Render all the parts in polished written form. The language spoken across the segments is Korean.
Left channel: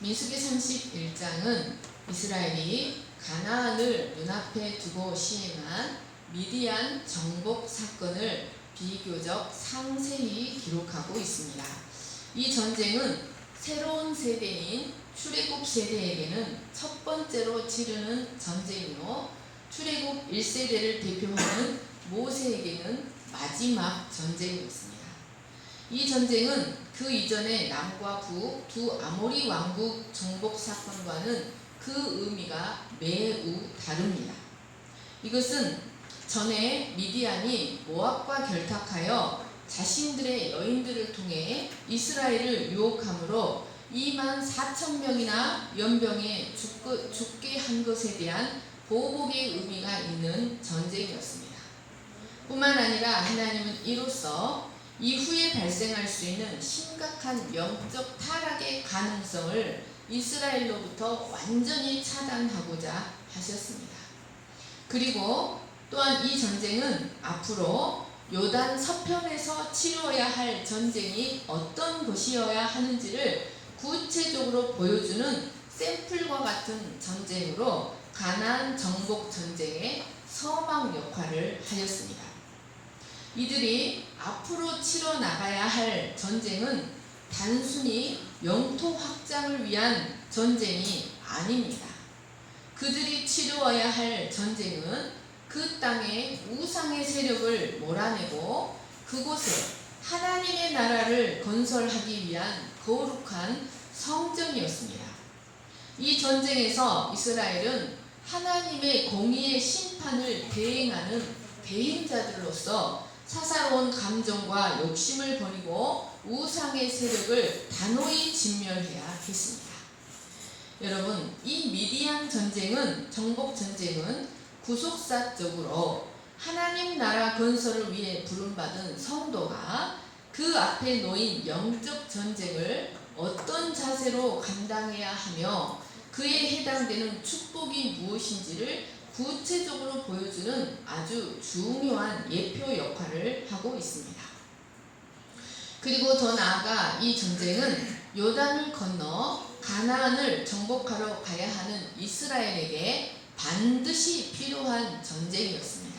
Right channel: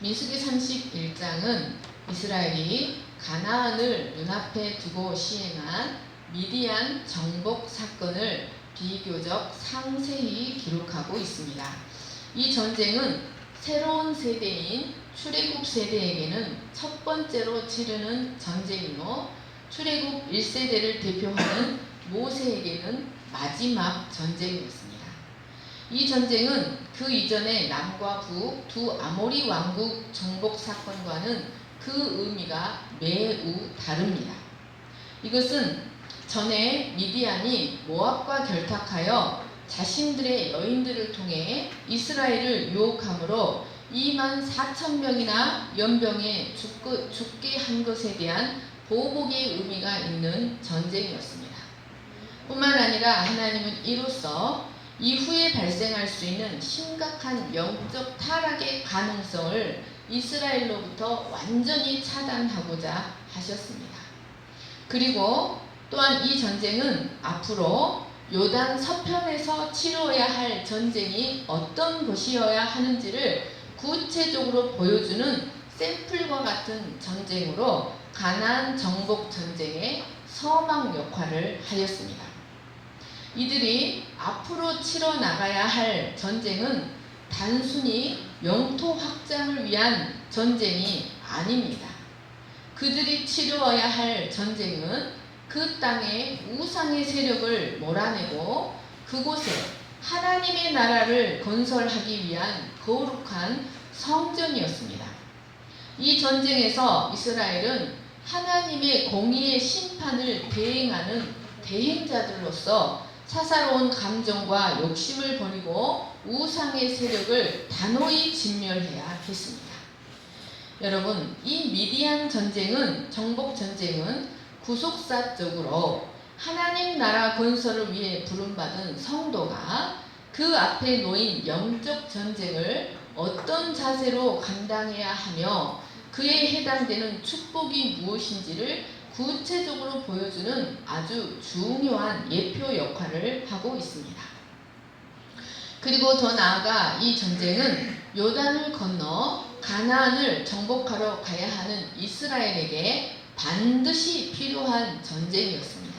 민수기 31장은 이스라엘이 가나안을 눈앞에 두고 시행한 미디안 정복 사건을 비교적 상세히 기록하고 있습니다. 이 전쟁은 새로운 세대인 출애굽 세대에게는 첫 번째로 치르는 전쟁이요, 출애굽 1세대를 대표하는 모세에게는 마지막 전쟁이었습니다. 이 전쟁은 그 이전의 남과 북 두 아모리 왕국 정복 사건과는 그 의미가 매우 다릅니다. 이것은 전에 미디안이 모압과 결탁하여 자신들의 여인들을 통해 이스라엘을 유혹함으로 24,000명이나 연병에 죽게 한 것에 대한 보복의 의미가 있는 전쟁이었습니다. 뿐만 아니라 하나님은 이로써 이후에 발생할 수 있는 심각한 영적 타락의 가능성을 이스라엘로부터 완전히 차단하고자 하셨습니다. 그리고 또한 이 전쟁은 앞으로 요단 서편에서 치러야 할 전쟁이 어떤 것이어야 하는지를 구체적으로 보여주는 샘플과 같은 전쟁으로 가나안 정복 전쟁의 서막 역할을 하였습니다. 이들이 앞으로 치러 나가야 할 전쟁은 단순히 영토 확장을 위한 전쟁이 아닙니다. 그들이 치루어야 할 전쟁은 그 땅의 우상의 세력을 몰아내고 그곳에 하나님의 나라를 건설하기 위한 거룩한 성전이었습니다. 이 전쟁에서 이스라엘은 하나님의 공의의 심판을 대행하는 대행자들로서 사사로운 감정과 욕심을 버리고 우상의 세력을 단호히 진멸해야 했습니다. 여러분, 이 미디안 전쟁은, 정복 전쟁은 구속사적으로 하나님 나라 건설을 위해 부름받은 성도가 그 앞에 놓인 영적 전쟁을 어떤 자세로 감당해야 하며 그에 해당되는 축복이 무엇인지를 구체적으로 보여주는 아주 중요한 예표 역할을 하고 있습니다. 그리고 더 나아가 이 전쟁은 요단을 건너 가나안을 정복하러 가야 하는 이스라엘에게 반드시 필요한 전쟁이었습니다.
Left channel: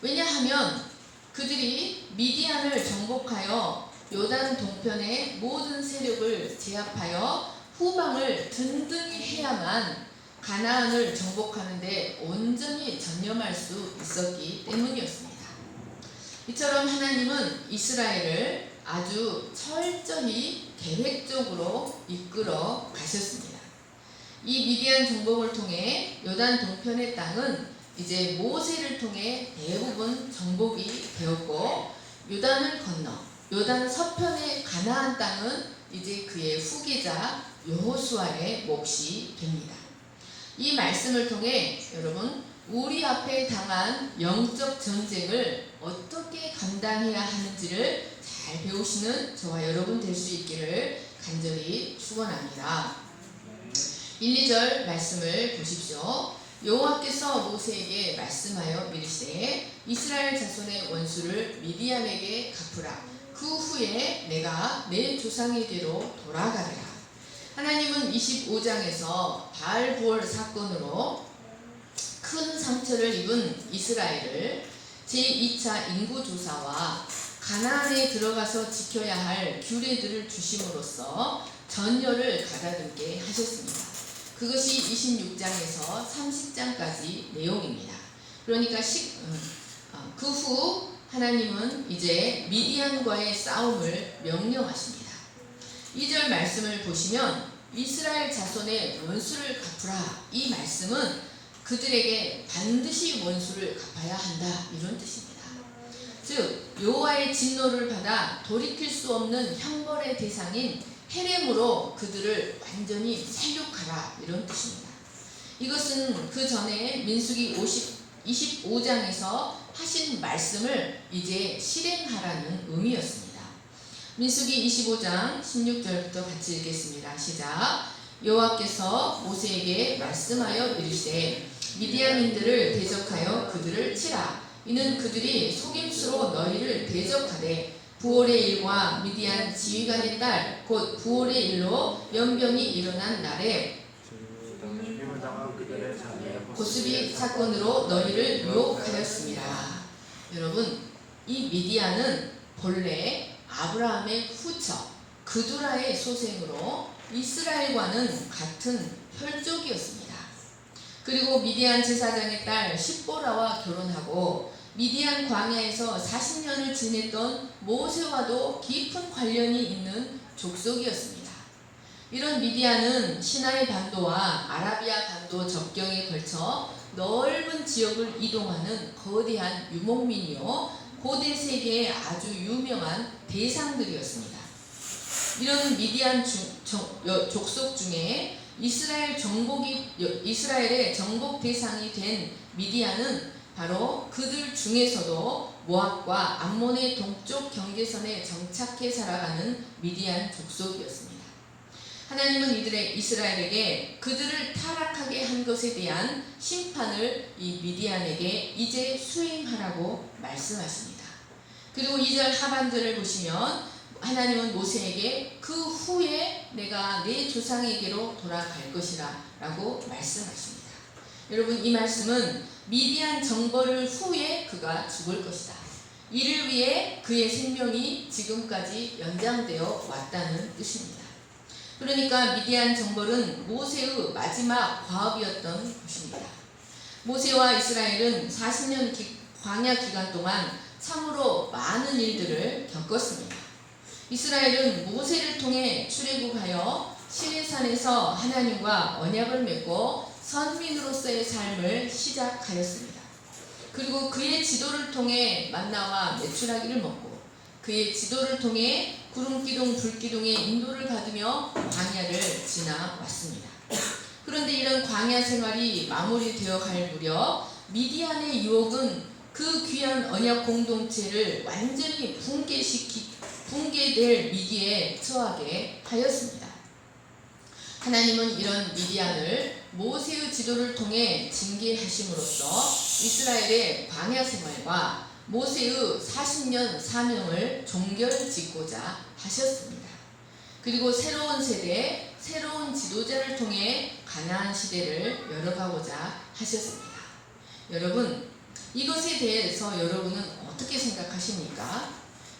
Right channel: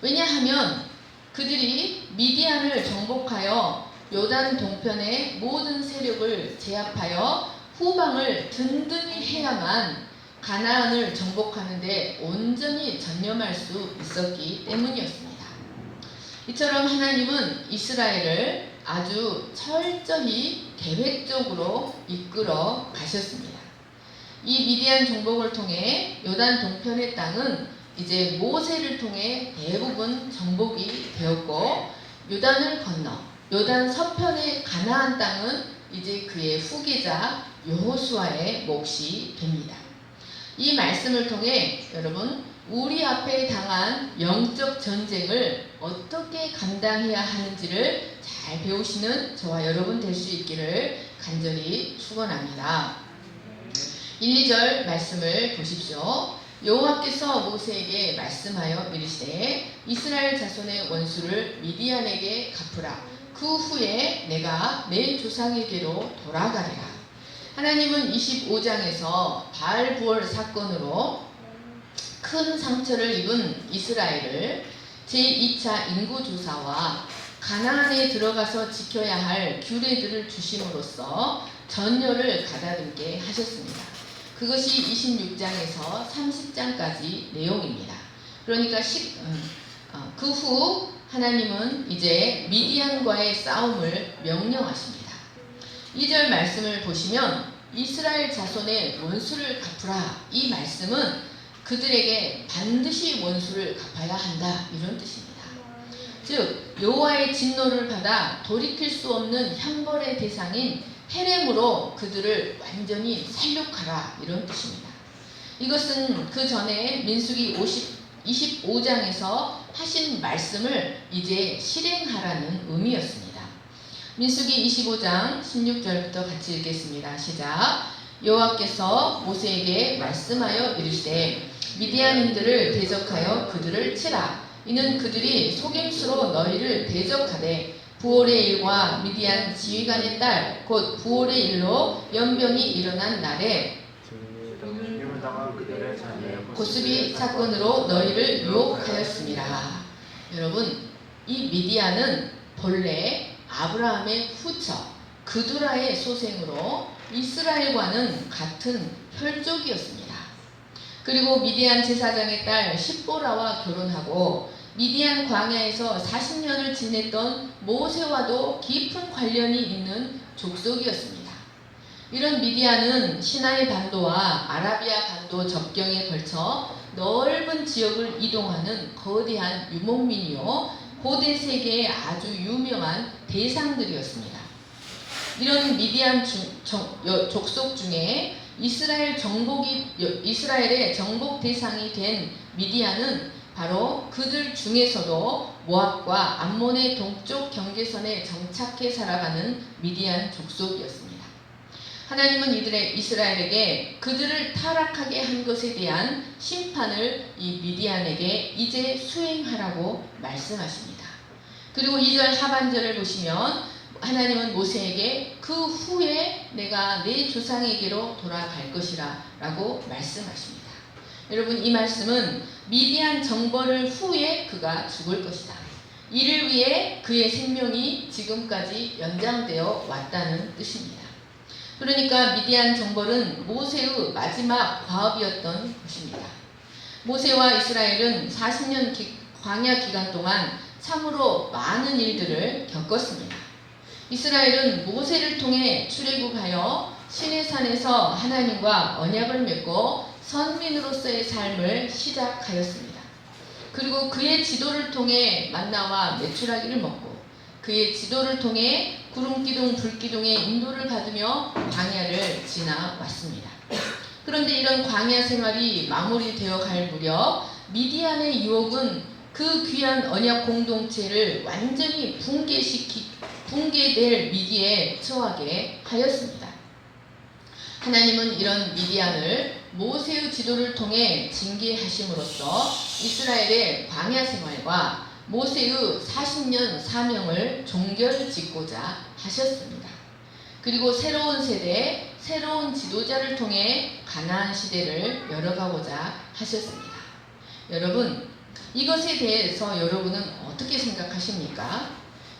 왜냐하면 그들이 미디안을 정복하여 요단 동편의 모든 세력을 제압하여 후방을 든든히 해야만 가나안을 정복하는 데 온전히 전념할 수 있었기 때문이었습니다. 이처럼 하나님은 이스라엘을 아주 철저히 계획적으로 이끌어 가셨습니다. 이 미디안 정복을 통해 요단 동편의 땅은 이제 모세를 통해 대부분 정복이 되었고, 요단을 건너 요단 서편의 가나안 땅은 이제 그의 후계자 여호수아의 몫이 됩니다. 이 말씀을 통해 여러분, 우리 앞에 당한 영적 전쟁을 어떻게 감당해야 하는지를 잘 배우시는 저와 여러분 될 수 있기를 간절히 축원합니다. 1, 2절 말씀을 보십시오. 여호와께서 모세에게 말씀하여 이르시되 이스라엘 자손의 원수를 미디안에게 갚으라. 그 후에 내가 내 조상에게로 돌아가리라. 하나님은 25장에서 바알부월 사건으로 큰 상처를 입은 이스라엘을 제2차 인구조사와 가나안에 들어가서 지켜야 할 규례들을 주심으로써 전열을 가다듬게 하셨습니다. 그것이 26장에서 30장까지 내용입니다. 그러니까 그 후 하나님은 이제 미디안과의 싸움을 명령하십니다. 2절 말씀을 보시면 이스라엘 자손의 원수를 갚으라, 이 말씀은 그들에게 반드시 원수를 갚아야 한다, 이런 뜻입니다. 즉 여호와의 진노를 받아 돌이킬 수 없는 형벌의 대상인 헤렘으로 그들을 완전히 살육하라, 이런 뜻입니다. 이것은 그 전에 민수기 25장에서 하신 말씀을 이제 실행하라는 의미였습니다. 민수기 25장 16절부터 같이 읽겠습니다. 시작. 여호와께서 모세에게 말씀하여 이르시되 미디안인들을 대적하여 그들을 치라. 이는 그들이 속임수로 너희를 대적하되 부올의 일과 미디안 지휘관의 딸 곧 부올의 일로 연병이 일어난 날에 죽임을 당한 그들의 자녀의 고스비 사건으로 너희를 유혹하였습니다. 여러분, 이 미디안은 본래 아브라함의 후처 그두라의 소생으로 이스라엘과는 같은 혈족이었습니다. 그리고 미디안 제사장의 딸 십보라와 결혼하고 미디안 광야에서 40년을 지냈던 모세와도 깊은 관련이 있는 족속이었습니다. 이런 미디안은 시나이 반도와 아라비아 반도 접경에 걸쳐 넓은 지역을 이동하는 거대한 유목민이요 고대 세계의 아주 유명한 대상들이었습니다. 이런 미디안 족속 중에 이스라엘의 정복 대상이 된 미디안은 바로 그들 중에서도 모압과 암몬의 동쪽 경계선에 정착해 살아가는 미디안 족속이었습니다. 하나님은 이스라엘에게 그들을 타락하게 한 것에 대한 심판을 이 미디안에게 이제 수행하라고 말씀하십니다. 그리고 2절 하반절을 보시면 하나님은 모세에게 그 후에 내가 내 조상에게로 돌아갈 것이라 라고 말씀하십니다. 여러분, 이 말씀은 미디안 정벌을 후에 그가 죽을 것이다. 이를 위해 그의 생명이 지금까지 연장되어 왔다는 뜻입니다. 그러니까 미디안 정벌은 모세의 마지막 과업이었던 것입니다. 모세와 이스라엘은 40년 광야 기간 동안 참으로 많은 일들을 겪었습니다. 이스라엘은 모세를 통해 출애굽하여 시내산에서 하나님과 언약을 맺고 선민으로서의 삶을 시작하였습니다. 그리고 그의 지도를 통해 만나와 메추라기를 먹고 그의 지도를 통해 구름기둥 불기둥의 인도를 받으며 광야를 지나왔습니다. 그런데 이런 광야 생활이 마무리되어 갈 무렵 미디안의 유혹은 그 귀한 언약 공동체를 완전히 붕괴될 위기에 처하게 하였습니다. 하나님은 이런 미디안을 모세의 지도를 통해 징계하심으로써 이스라엘의 광야 생활과 모세의 40년 사명을 종결짓고자 하셨습니다. 그리고 새로운 세대, 새로운 지도자를 통해 가나안 시대를 열어가고자 하셨습니다. 여러분, 이것에 대해서 여러분은 어떻게 생각하십니까?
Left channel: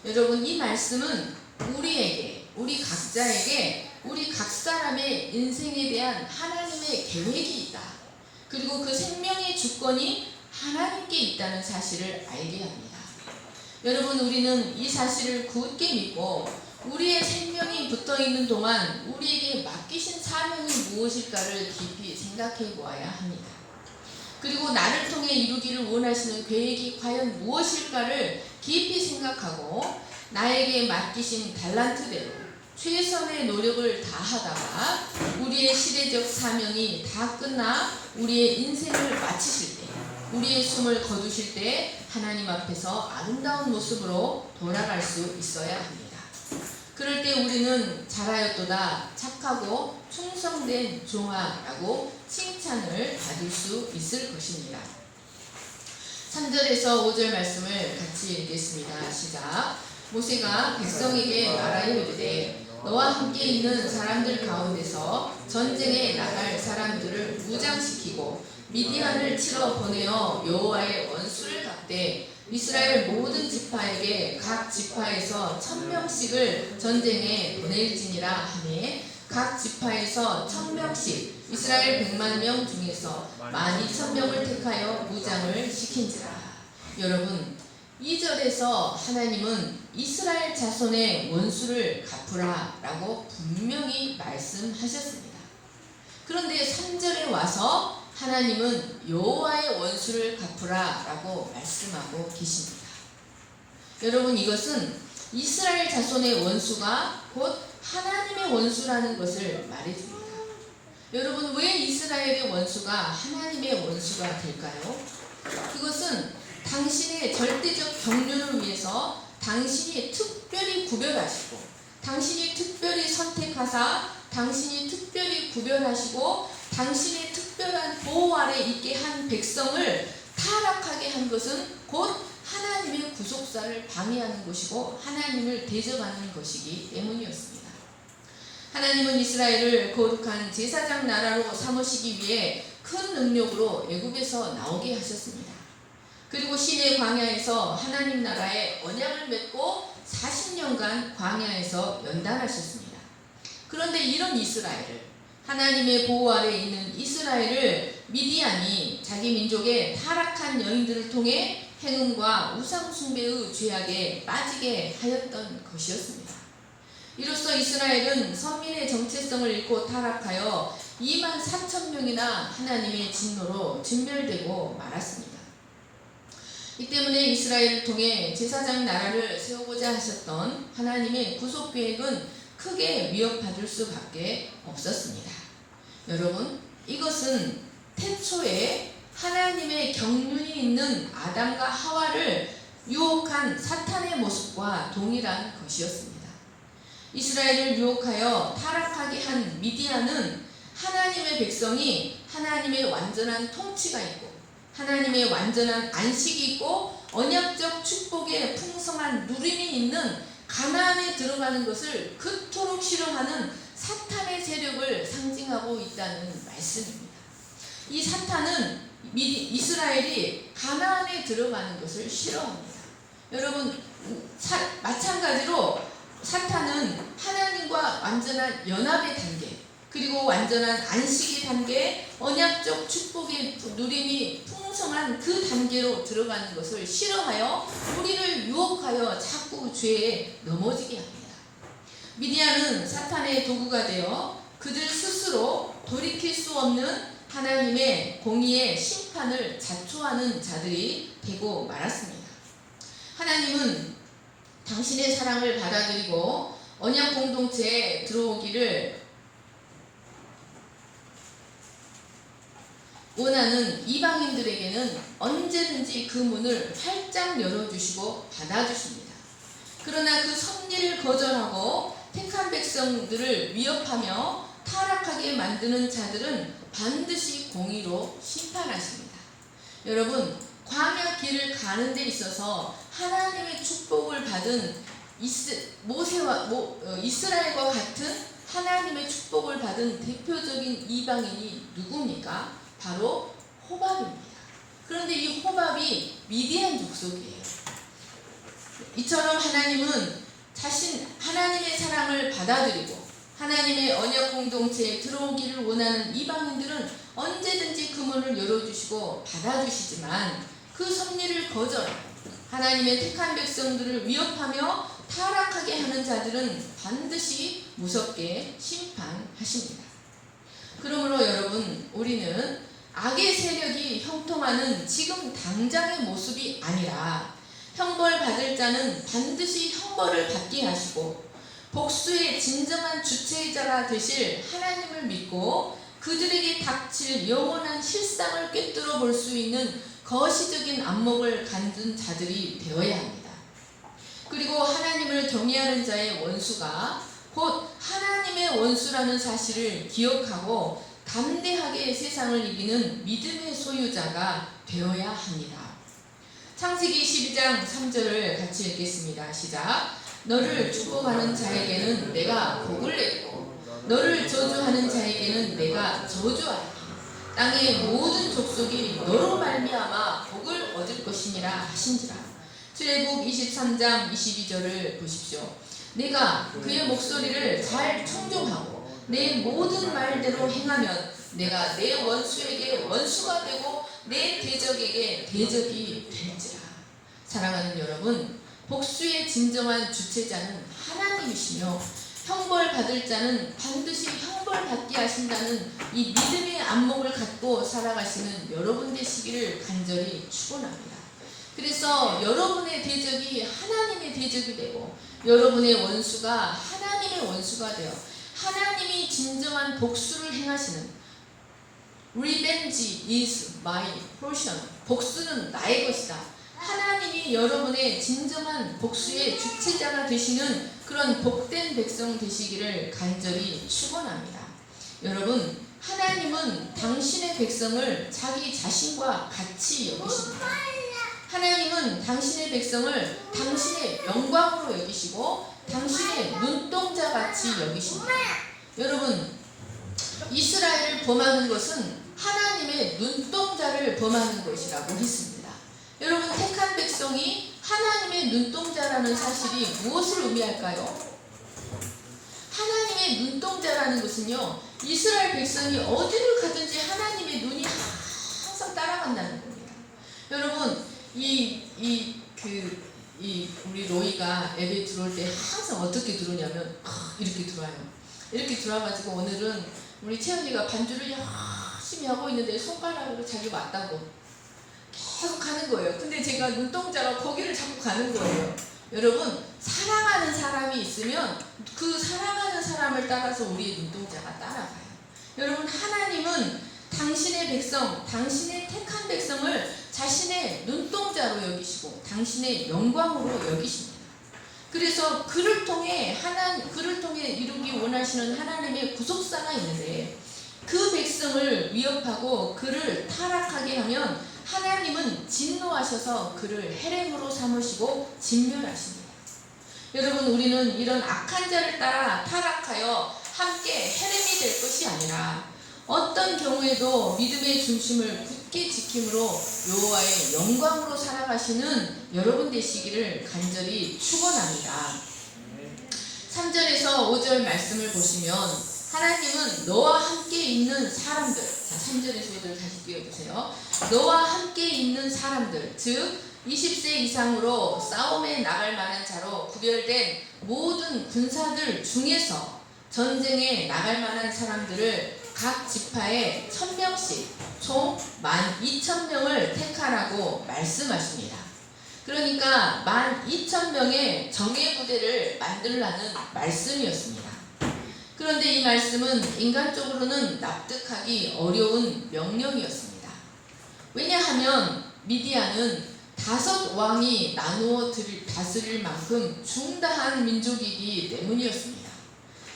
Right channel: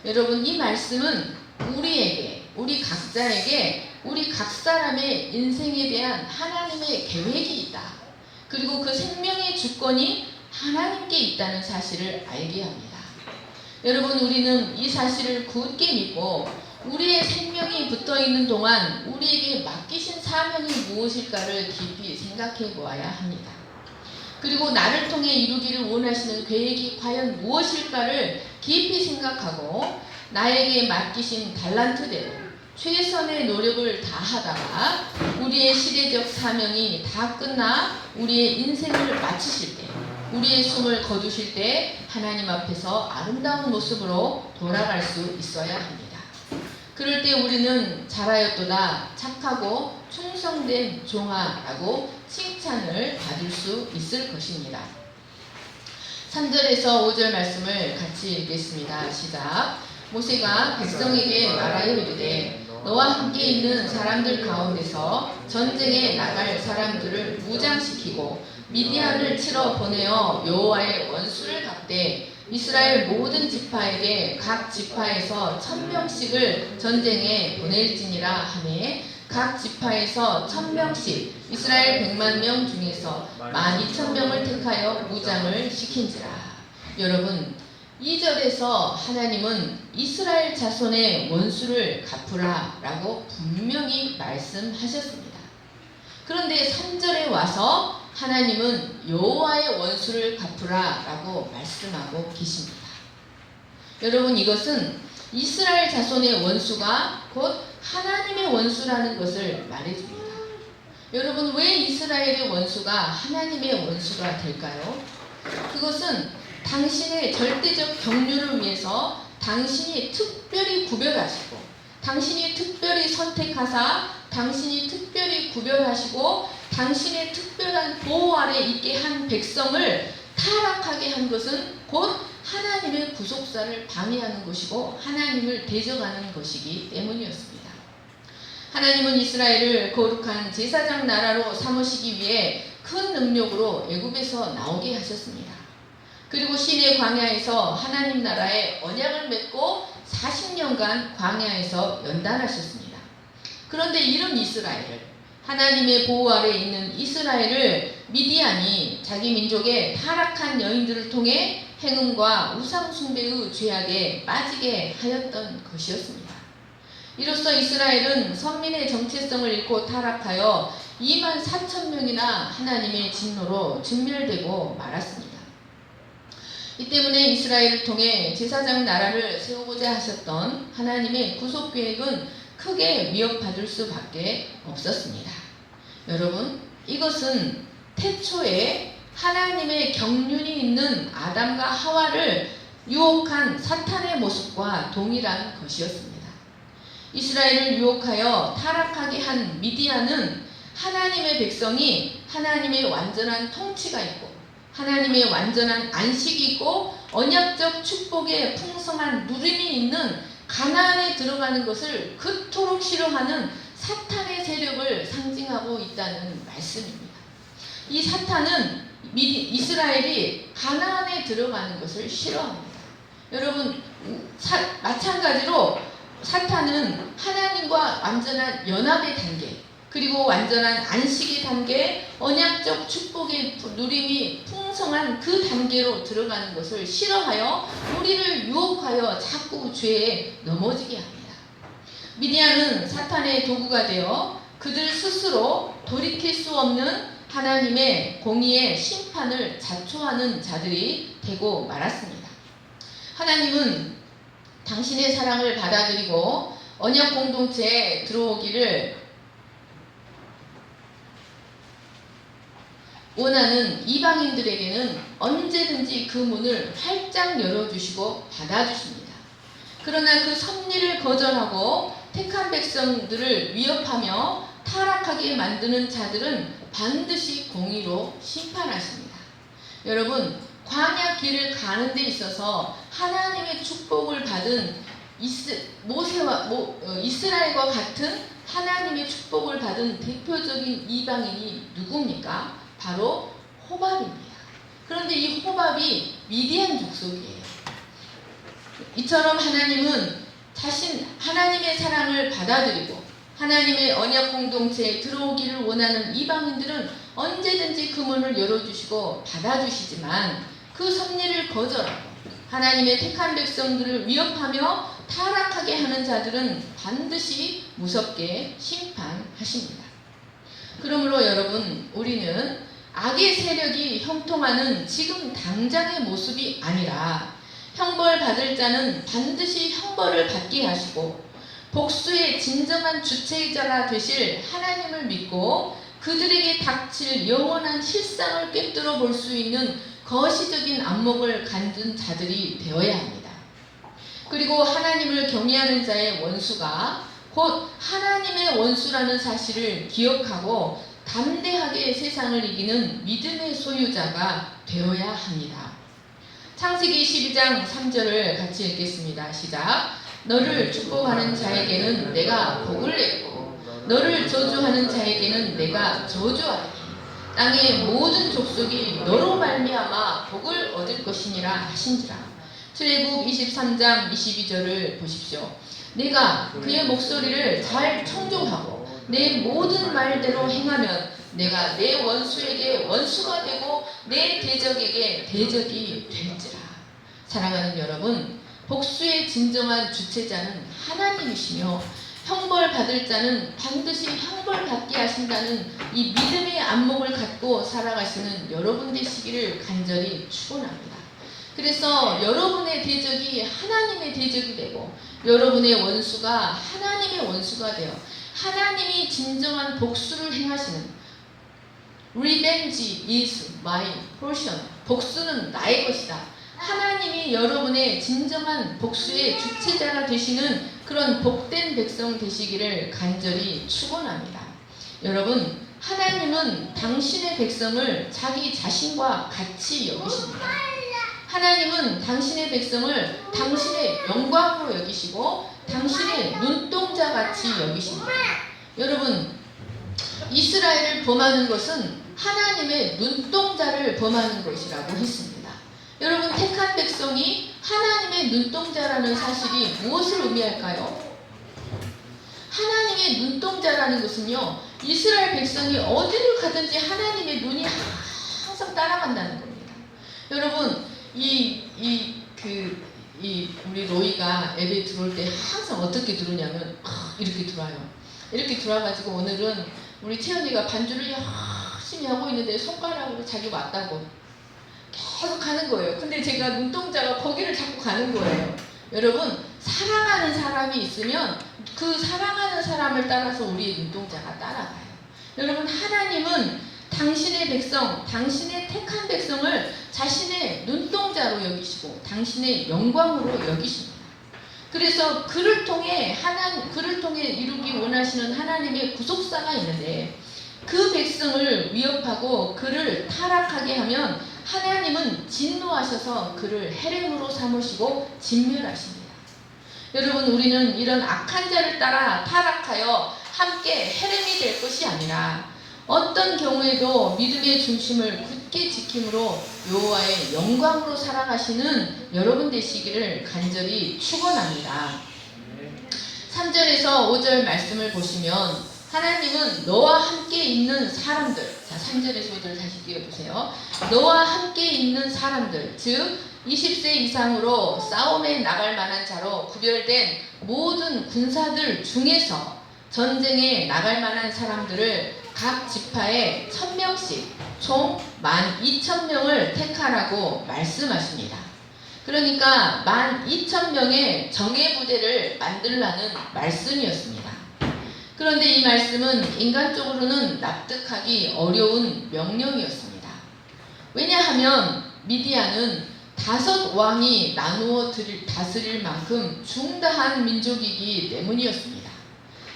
여러분, 이 말씀은 우리에게, 우리 각자에게, 우리 각 사람의 인생에 대한 하나님의 계획이 있다. 그리고 그 생명의 주권이 하나님께 있다는 사실을 알게 합니다. 여러분, 우리는 이 사실을 굳게 믿고 우리의 생명이 붙어있는 동안 우리에게 맡기신 사명이 무엇일까를 깊이 생각해 보아야 합니다. 그리고 나를 통해 이루기를 원하시는 계획이 과연 무엇일까를 깊이 생각하고 나에게 맡기신 달란트대로 최선의 노력을 다하다가 우리의 시대적 사명이 다 끝나 우리의 인생을 마치실 때, 우리의 숨을 거두실 때 하나님 앞에서 아름다운 모습으로 돌아갈 수 있어야 합니다. 그럴 때 우리는 잘하였도다, 착하고 충성된 종아라고 칭찬을 받을 수 있을 것입니다. 3절에서 5절 말씀을 같이 읽겠습니다. 시작. 모세가 백성에게 말하여 이르되 너와 함께 있는 사람들 가운데서 전쟁에 나갈 사람들을 무장시키고 미디안을 치러 보내어 여호와의 원수를 갚되 이스라엘 모든 지파에게 각 지파에서 1000명씩을 전쟁에 보낼지니라 하매 각 지파에서 1000명씩 이스라엘 100만 명 중에서 12,000명을 택하여 무장을 시킨지라. 여러분, 2절에서 하나님은 이스라엘 자손의 원수를 갚으라 라고 분명히 말씀하셨습니다. 그런데 3절에 와서 하나님은 여호와의 원수를 갚으라 라고 말씀하고 계십니다. 여러분, 이것은 이스라엘 자손의 원수가 곧 하나님의 원수라는 것을 말해줍니다. 여러분, 왜 이스라엘의 원수가 하나님의 원수가 될까요? 그것은 당신의 절대적 경륜을 위해서 당신이 특별히 구별하시고 당신이 특별히 선택하사 당신이 특별히 구별하시고 당신의 특별한 보호 아래 있게 한 백성을 타락하게 한 것은 곧 하나님의 구속사를 방해하는 것이고 하나님을 대적하는 것이기 때문이었습니다. 하나님은 이스라엘을 거룩한 제사장 나라로 삼으시기 위해 큰 능력으로 애굽에서 나오게 하셨습니다. 그리고 시내 광야에서 하나님 나라의 언약을 맺고 40년간 광야에서 연단하셨습니다. 그런데 이런 이스라엘을, 하나님의 보호 아래 있는 이스라엘을 미디안이 자기 민족의 타락한 여인들을 통해 행음과 우상 숭배의 죄악에 빠지게 하였던 것이었습니다. 이로써 이스라엘은 선민의 정체성을 잃고 타락하여 2만 4천 명이나 하나님의 진노로 진멸되고 말았습니다. 이 때문에 이스라엘을 통해 제사장 나라를 세우고자 하셨던 하나님의 구속 계획은 크게 위협받을 수밖에 없었습니다. 여러분, 이것은 태초에 하나님의 경륜이 있는 아담과 하와를 유혹한 사탄의 모습과 동일한 것이었습니다. 이스라엘을 유혹하여 타락하게 한 미디안은 하나님의 백성이 하나님의 완전한 통치가 있고 하나님의 완전한 안식이 있고 언약적 축복의 풍성한 누림이 있는 가나안에 들어가는 것을 그토록 싫어하는 사탄의 세력을 상징하고 있다는 말씀입니다. 이 사탄은 이스라엘이 가나안에 들어가는 것을 싫어합니다. 여러분, 마찬가지로 사탄은 하나님과 완전한 연합의 단계, 그리고 완전한 안식의 단계, 언약적 축복의 누림이 풍성한 그 단계로 들어가는 것을 싫어하여 우리를 유혹하여 자꾸 죄에 넘어지게 합니다. 미디안은 사탄의 도구가 되어 그들 스스로 돌이킬 수 없는 하나님의 공의의 심판을 자초하는 자들이 되고 말았습니다. 하나님은 당신의 사랑을 받아들이고 언약 공동체에 들어오기를 원하는 이방인들에게는 언제든지 그 문을 활짝 열어주시고 받아주십니다. 그러나 그 섭리를 거절하고 택한 백성들을 위협하며 타락하게 만드는 자들은 반드시 공의로 심판하십니다. 여러분, 광야 길을 가는 데 있어서 하나님의 축복을 받은 이스라엘과 같은 하나님의 축복을 받은 대표적인 이방인이 누굽니까? 바로 호밥입니다. 그런데 이 호밥이 미디안 족속이에요. 이처럼 하나님은 하나님의 사랑을 받아들이고 하나님의 언약 공동체에 들어오기를 원하는 이방인들은 언제든지 그 문을 열어주시고 받아주시지만 그 섭리를 거절하고 하나님의 택한 백성들을 위협하며 타락하게 하는 자들은 반드시 무섭게 심판하십니다. 그러므로 여러분, 우리는 악의 세력이 형통하는 지금 당장의 모습이 아니라 형벌 받을 자는 반드시 형벌을 받게 하시고 복수의 진정한 주체자가 되실 하나님을 믿고 그들에게 닥칠 영원한 실상을 꿰뚫어 볼 수 있는 거시적인 안목을 갖는 자들이 되어야 합니다. 그리고 하나님을 경외하는 자의 원수가 곧 하나님의 원수라는 사실을 기억하고 담대하게 세상을 이기는 믿음의 소유자가 되어야 합니다. 창세기 12장 3절을 같이 읽겠습니다. 시작. 너를 축복하는 자에게는 내가 복을 내리고 너를 저주하는 자에게는 내가 저주하리니 땅의 모든 족속이 너로 말미암아 복을 얻을 것이니라 하신지라. 출애굽 23장 22절을 보십시오. 내가 그의 목소리를 잘 청종하고 내 모든 말대로 행하면 내가 내 원수에게 원수가 되고 내 대적에게 대적이 될지라. 사랑하는 여러분, 복수의 진정한 주체자는 하나님이시며 형벌 받을 자는 반드시 형벌 받게 하신다는 이 믿음의 안목을 갖고 살아가시는 여러분 되시기를 간절히 축원합니다. 그래서 여러분의 대적이 하나님의 대적이 되고 여러분의 원수가 하나님의 원수가 되어 하나님이 진정한 복수를 행하시는 Revenge is my portion. 복수는 나의 것이다. 하나님이 여러분의 진정한 복수의 주체자가 되시는 그런 복된 백성 되시기를 간절히 축원합니다. 여러분, 하나님은 당신의 백성을 자기 자신과 같이 여기십니다. 하나님은 당신의 백성을 당신의 영광으로 여기시고 당신의 눈동자 같이 여기십니다. 여러분, 이스라엘을 범하는 것은 하나님의 눈동자를 범하는 것이라고 했습니다. 여러분, 택한 백성이 하나님의 눈동자라는 사실이 무엇을 의미할까요? 하나님의 눈동자라는 것은요, 이스라엘 백성이 어디를 가든지 하나님의 눈이 항상 따라간다는 겁니다. 여러분, 우리 로이가 앱에 들어올 때 항상 어떻게 들어오냐면 이렇게 들어와요. 이렇게 들어와가지고 오늘은 우리 채연이가 반주를 열심히 하고 있는데 손가락으로 자기 왔다고 계속 가는 거예요. 근데 제가 눈동자가 거기를 자꾸 가는 거예요. 여러분, 사랑하는 사람이 있으면 그 사랑하는 사람을 따라서 우리의 눈동자가 따라가요. 여러분, 하나님은 당신의 백성, 당신의 택한 백성을 자신의 눈동자로 여기시고 당신의 영광으로 여기십니다. 그래서 그를 통해 이루기 원하시는 하나님의 구속사가 있는데, 그 백성을 위협하고 그를 타락하게 하면 하나님은 진노하셔서 그를 해령으로 삼으시고 진멸하십니다. 여러분, 우리는 이런 악한 자를 따라 타락하여 함께 해령이 될 것이 아니라 어떤 경우에도 믿음의 중심을 굳게 지킴으로 여호와의 영광으로 살아가시는 여러분 되시기를 간절히 축원합니다. 3절에서 5절 말씀을 보시면 하나님은 너와 함께 있는 사람들, 자 3절에서 5절 다시 띄워주세요. 너와 함께 있는 사람들, 즉 20세 이상으로 싸움에 나갈 만한 자로 구별된 모든 군사들 중에서 전쟁에 나갈 만한 사람들을 각 지파에 1000명씩 총 12,000명을 택하라고 말씀하십니다. 그러니까 12,000명의 정예부대를 만들라는 말씀이었습니다. 그런데 이 말씀은 인간적으로는 납득하기 어려운 명령이었습니다. 왜냐하면 미디안은 5왕이 나누어 다스릴 만큼 중다한 민족이기 때문이었습니다.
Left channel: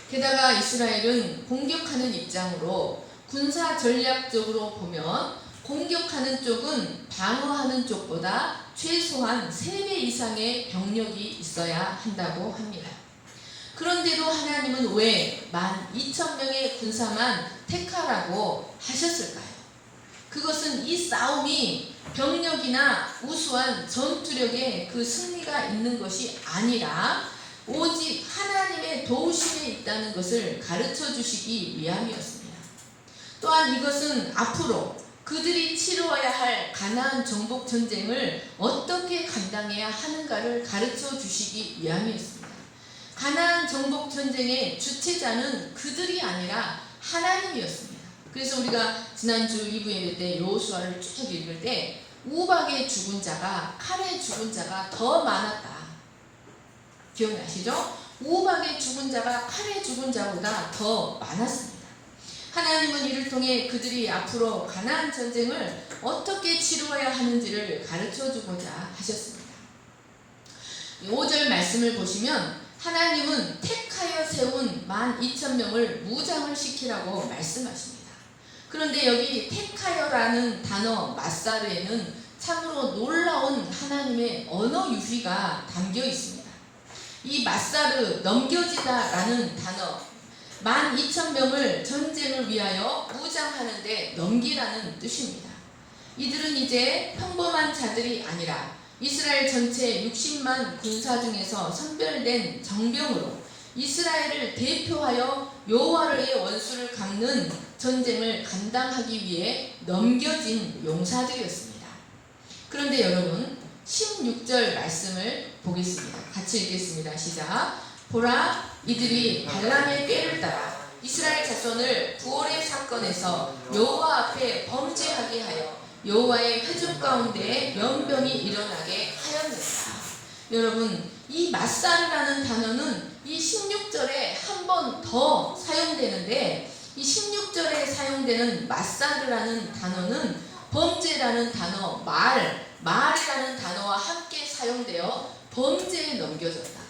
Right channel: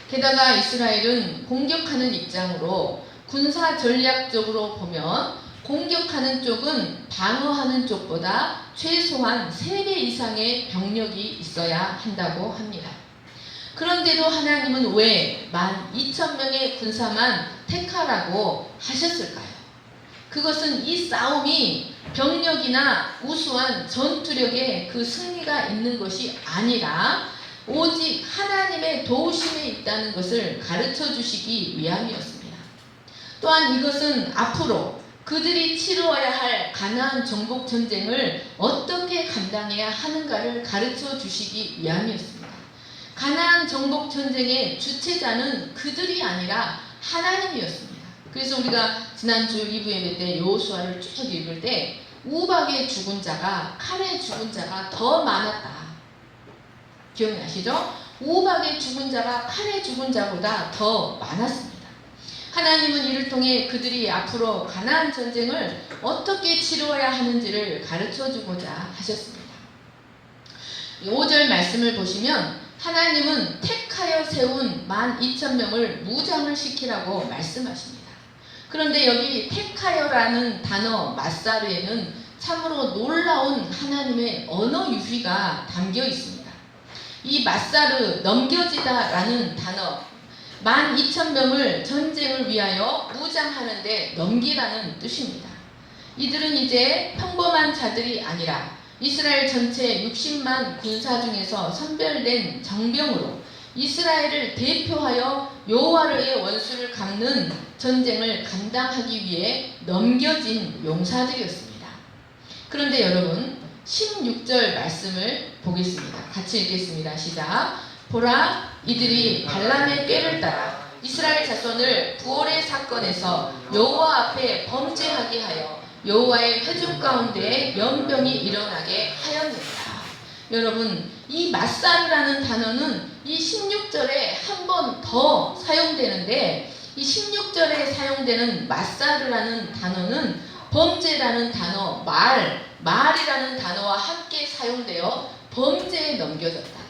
게다가 이스라엘은 공격하는 입장으로 군사 전략적으로 보면 공격하는 쪽은 방어하는 쪽보다 최소한 3배 이상의 병력이 있어야 한다고 합니다. 그런데도 하나님은 왜 12,000명의 군사만 택하라고 하셨을까요? 그것은 이 싸움이 병력이나 우수한 전투력에 그 승리가 있는 것이 아니라 오직 하나님의 도우심에 있다는 것을 가르쳐 주시기 위함이었습니다. 또한 이것은 앞으로 그들이 치루어야 할 가나안 정복 전쟁을 어떻게 감당해야 하는가를 가르쳐 주시기 위함이었습니다. 가나안 정복 전쟁의 주체자는 그들이 아니라 하나님이었습니다. 그래서 우리가 지난주 2부 예배 때 여호수아를 쭉 읽을 때 우박에 죽은 자가, 칼에 죽은 자가 더 많았다. 기억나시죠? 우박에 죽은 자가 칼에 죽은 자보다 더 많았습니다. 하나님은 이를 통해 그들이 앞으로 가나안 전쟁을 어떻게 치루어야 하는지를 가르쳐주고자 하셨습니다. 5절 말씀을 보시면 하나님은 택하여 세운 12,000명을 무장을 시키라고 말씀하십니다. 그런데 여기 택하여라는 단어 마사르에는 참으로 놀라운 하나님의 언어 유희가 담겨 있습니다. 이 마사르, 넘겨지다라는 단어, 12,000명을 전쟁을 위하여 무장하는데 넘기라는 뜻입니다. 이들은 이제 평범한 자들이 아니라 이스라엘 전체 60만 군사 중에서 선별된 정병으로 이스라엘을 대표하여 여호와의 원수를 갚는 전쟁을 감당하기 위해 넘겨진 용사들이었습니다. 그런데 여러분, 16절 말씀을 보겠습니다. 같이 읽겠습니다. 시작. 보라, 이들이 발람의 꾀를 따라 이스라엘 자손을 부올의 사건에서 여호와 앞에 범죄하게 하여 여호와의 회중 가운데 연병이 일어나게 하였느니라. 여러분, 이 마사르라는 단어는 이 16절에 한 번 더 사용되는데, 이 16절에 사용되는 마사르라는 단어는 범죄라는 단어, 말이라는 단어와 함께 사용되어 범죄에 넘겨졌다.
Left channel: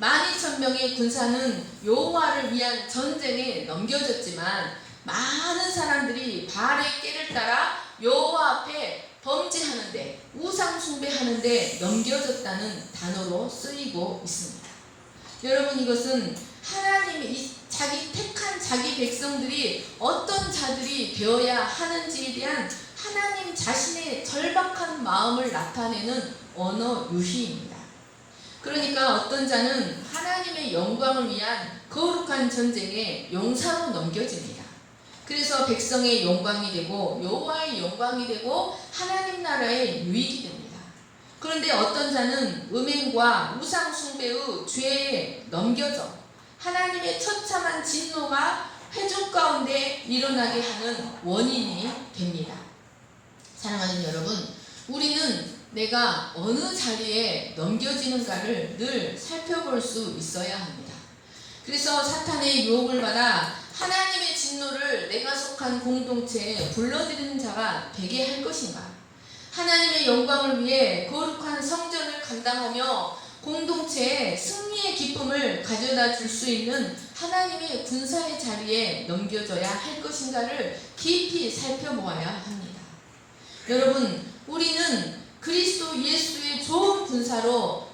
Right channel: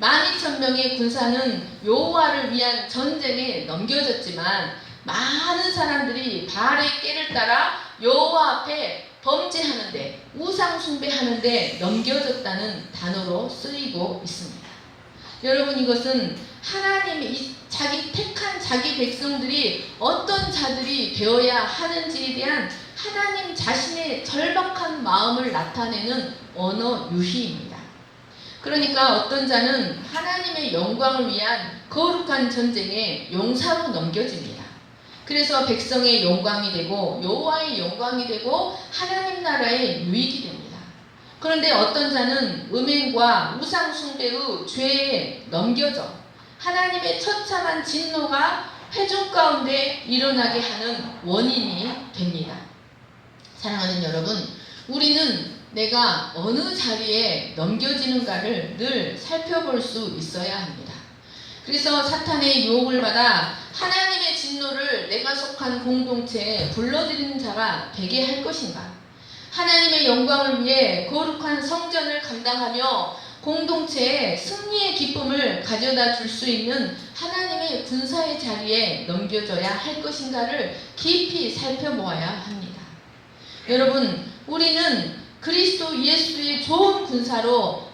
12,000명의 군사는 여호와를 위한 전쟁에 넘겨졌지만 많은 사람들이 바알의 꾀를 따라 여호와 앞에 범죄하는데, 우상 숭배하는데 넘겨졌다는 단어로 쓰이고 있습니다. 여러분, 이것은 하나님이 자기 택한 자기 백성들이 어떤 자들이 되어야 하는지에 대한 하나님 자신의 절박한 마음을 나타내는 언어 유희입니다. 그러니까 어떤 자는 하나님의 영광을 위한 거룩한 전쟁에 용사로 넘겨집니다. 그래서 백성의 영광이 되고 여호와의 영광이 되고 하나님 나라의 유익이 됩니다. 그런데 어떤 자는 음행과 우상 숭배의 죄에 넘겨져 하나님의 처참한 진노가 회중 가운데 일어나게 하는 원인이 됩니다. 사랑하는 여러분, 우리는 내가 어느 자리에 넘겨지는가를 늘 살펴볼 수 있어야 합니다. 그래서 사탄의 유혹을 받아 하나님의 진노를 내가 속한 공동체에 불러들이는 자가 되게 할 것인가? 하나님의 영광을 위해 거룩한 성전을 감당하며 공동체에 승리의 기쁨을 가져다 줄 수 있는 하나님의 군사의 자리에 넘겨져야 할 것인가를 깊이 살펴보아야 합니다. 여러분, 우리는 그리스도 예수의 좋은 군사로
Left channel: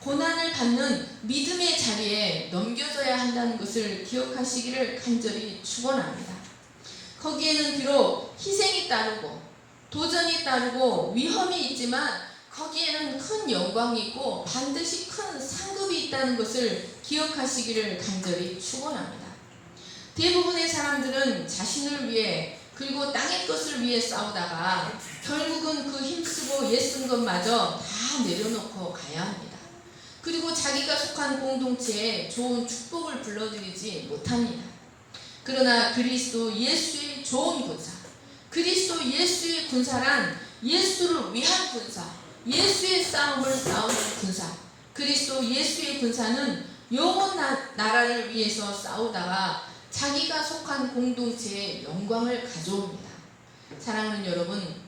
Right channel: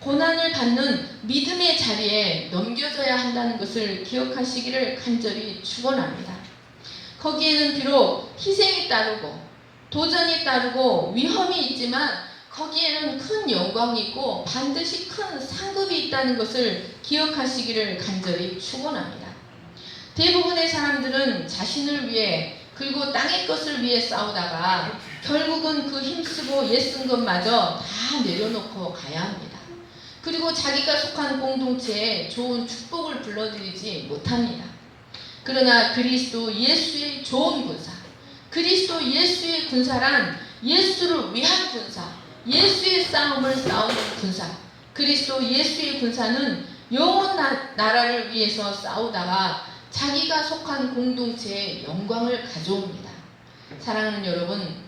고난을 받는 믿음의 자리에 넘겨져야 한다는 것을 기억하시기를 간절히 축원합니다. 거기에는 비록 희생이 따르고 도전이 따르고 위험이 있지만 거기에는 큰 영광이 있고 반드시 큰 상급이 있다는 것을 기억하시기를 간절히 축원합니다. 대부분의 사람들은 자신을 위해 그리고 땅의 것을 위해 싸우다가 결국은 그 힘쓰고 애쓴 것마저 다 내려놓고 가야 합니다. 그리고 자기가 속한 공동체에 좋은 축복을 불러들이지 못합니다. 그러나 그리스도 예수의 좋은 군사, 그리스도 예수의 군사란 예수를 위한 군사, 예수의 싸움을 싸우는 군사, 그리스도 예수의 군사는 영원 나라를 위해서 싸우다가 자기가 속한 공동체에 영광을 가져옵니다. 사랑하는 여러분,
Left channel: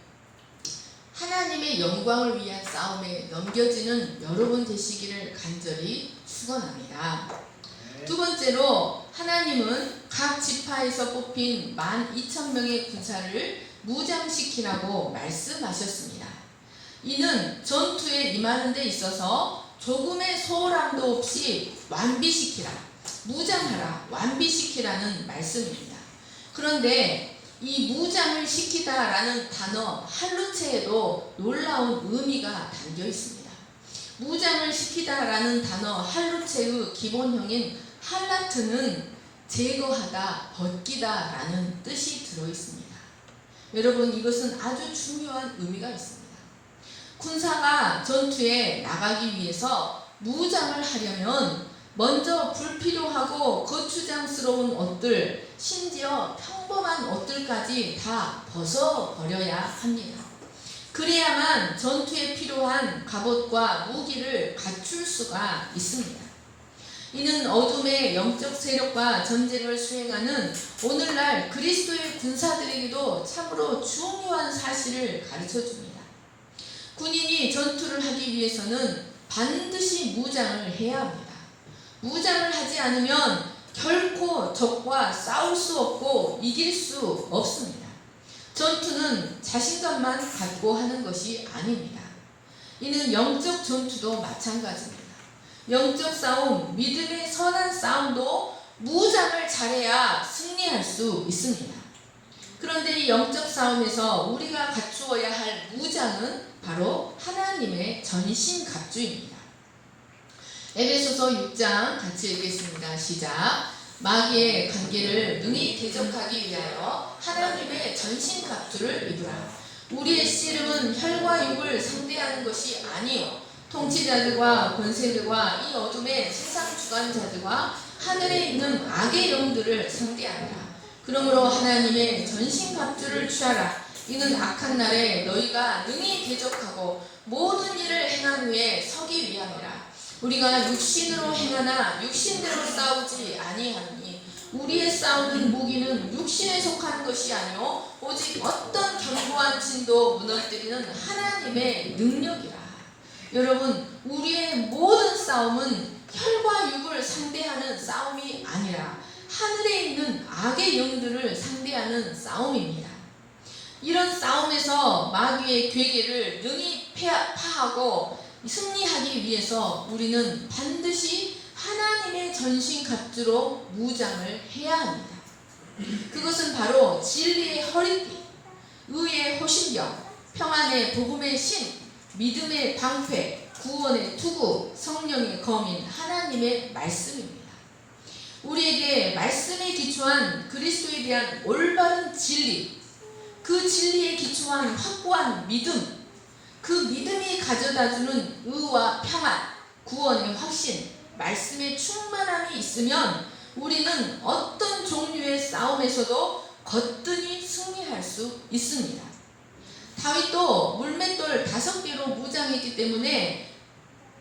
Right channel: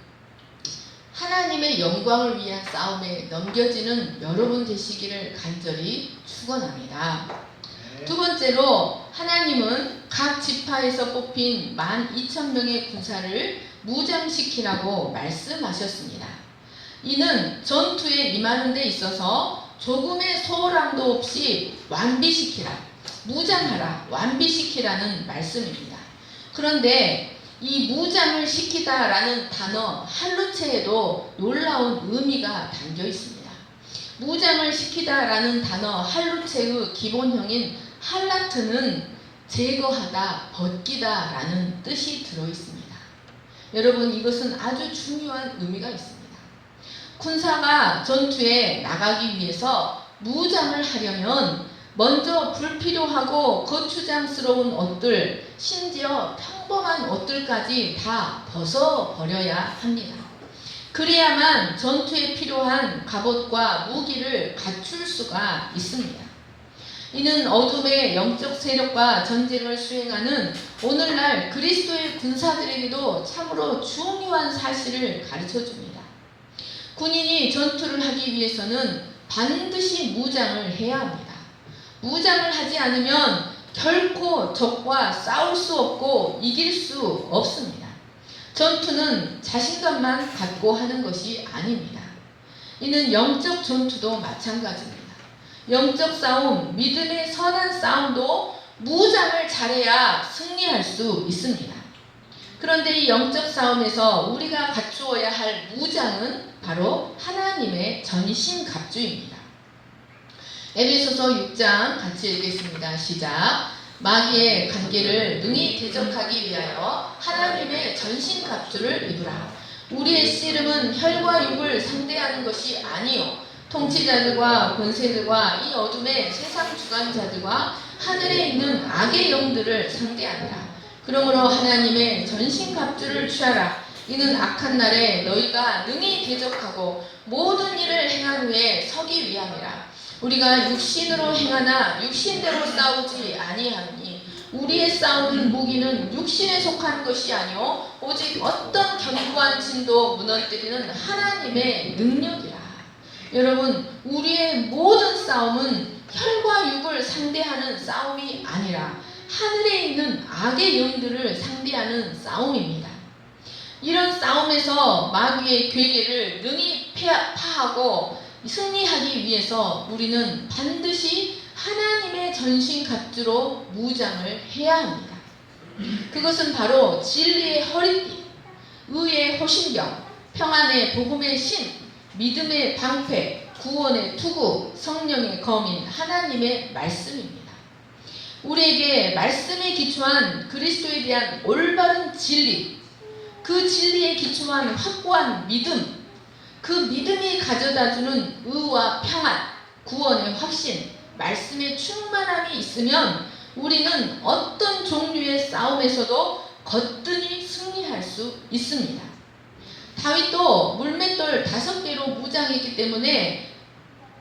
하나님의 영광을 위한 싸움에 넘겨지는 여러분 되시기를 간절히 축원합니다. 두 번째로 하나님은 각 지파에서 뽑힌 12,000명의 군사를 무장시키라고 말씀하셨습니다. 이는 전투에 임하는 데 있어서 조금의 소홀함도 없이 완비시키라, 무장하라, 완비시키라는 말씀입니다. 그런데 이 무장을 시키다라는 단어 할루체에도 놀라운 의미가 담겨 있습니다. 무장을 시키다라는 단어 할루체의 기본형인 할라트는 제거하다, 벗기다라는 뜻이 들어 있습니다. 여러분, 이것은 아주 중요한 의미가 있습니다. 군사가 전투에 나가기 위해서 무장을 하려면 먼저 불필요하고 거추장스러운 옷들, 심지어 평범한 옷들까지 다 벗어버려야 합니다. 그래야만 전투에 필요한 갑옷과 무기를 갖출 수가 있습니다. 이는 어둠의 영적 세력과 전쟁을 수행하는 오늘날 그리스도의 군사들에게도 참으로 중요한 사실을 가르쳐줍니다. 군인이 전투를 하기 위해서는 반드시 무장을 해야 합니다. 무장을 하지 않으면 결코 적과 싸울 수 없고 이길 수 없습니다. 전투는 자신감만 갖고 하는 것이 아닙니다. 이는 영적 전투도 마찬가지입니다. 영적 싸움, 믿음의 선한 싸움도 무장을 잘해야 승리할 수 있습니다. 그런데 이 영적 싸움에서 우리가 갖추어야 할 무장은 바로 하나님의 전신갑주입니다. 에베소서 6장 같이 읽겠습니다. 시작. 마귀의 관계를 능히 대적하기 위하여 하나님의 전신갑주를 입으라. 우리의 씨름은 혈과 육을 상대하는 것이 아니요 통치자들과 권세들과 이 어둠의 세상 주관자들과 하늘에 있는 악의 영들을 상대하리라. 그러므로 하나님의 전신갑주를 취하라. 이는 악한 날에 너희가 능히 대적하고 모든 일을 행한 후에 서기 위함이라. 우리가 육신으로 행하나 육신대로 싸우지 아니하니 우리의 싸우는 무기는 육신에 속한 것이 아니요 오직 어떤 견고한 진도 무너뜨리는 하나님의 능력이라. 여러분, 우리의 모든 싸움은 혈과 육을 상대하는 싸움이 아니라 하늘에 있는 악의 영들을 상대하는 싸움입니다. 이런 싸움에서 마귀의 괴계를 능히 파하고 승리하기 위해서 우리는 반드시 하나님의 전신갑주로 무장을 해야 합니다. 그것은 바로 진리의 허리띠, 의의 호신경, 평안의 복음의 신, 믿음의 방패, 구원의 투구, 성령의 검인 하나님의 말씀입니다. 우리에게 말씀에 기초한 그리스도에 대한 올바른 진리, 그 진리에 기초한 확고한 믿음, 그 믿음이 가져다주는 의와 평안, 구원의 확신, 말씀의 충만함이 있으면 우리는 어떤 종류의 싸움에서도 거뜬히 승리할 수 있습니다. 다윗도 물맷돌 5개로 무장했기 때문에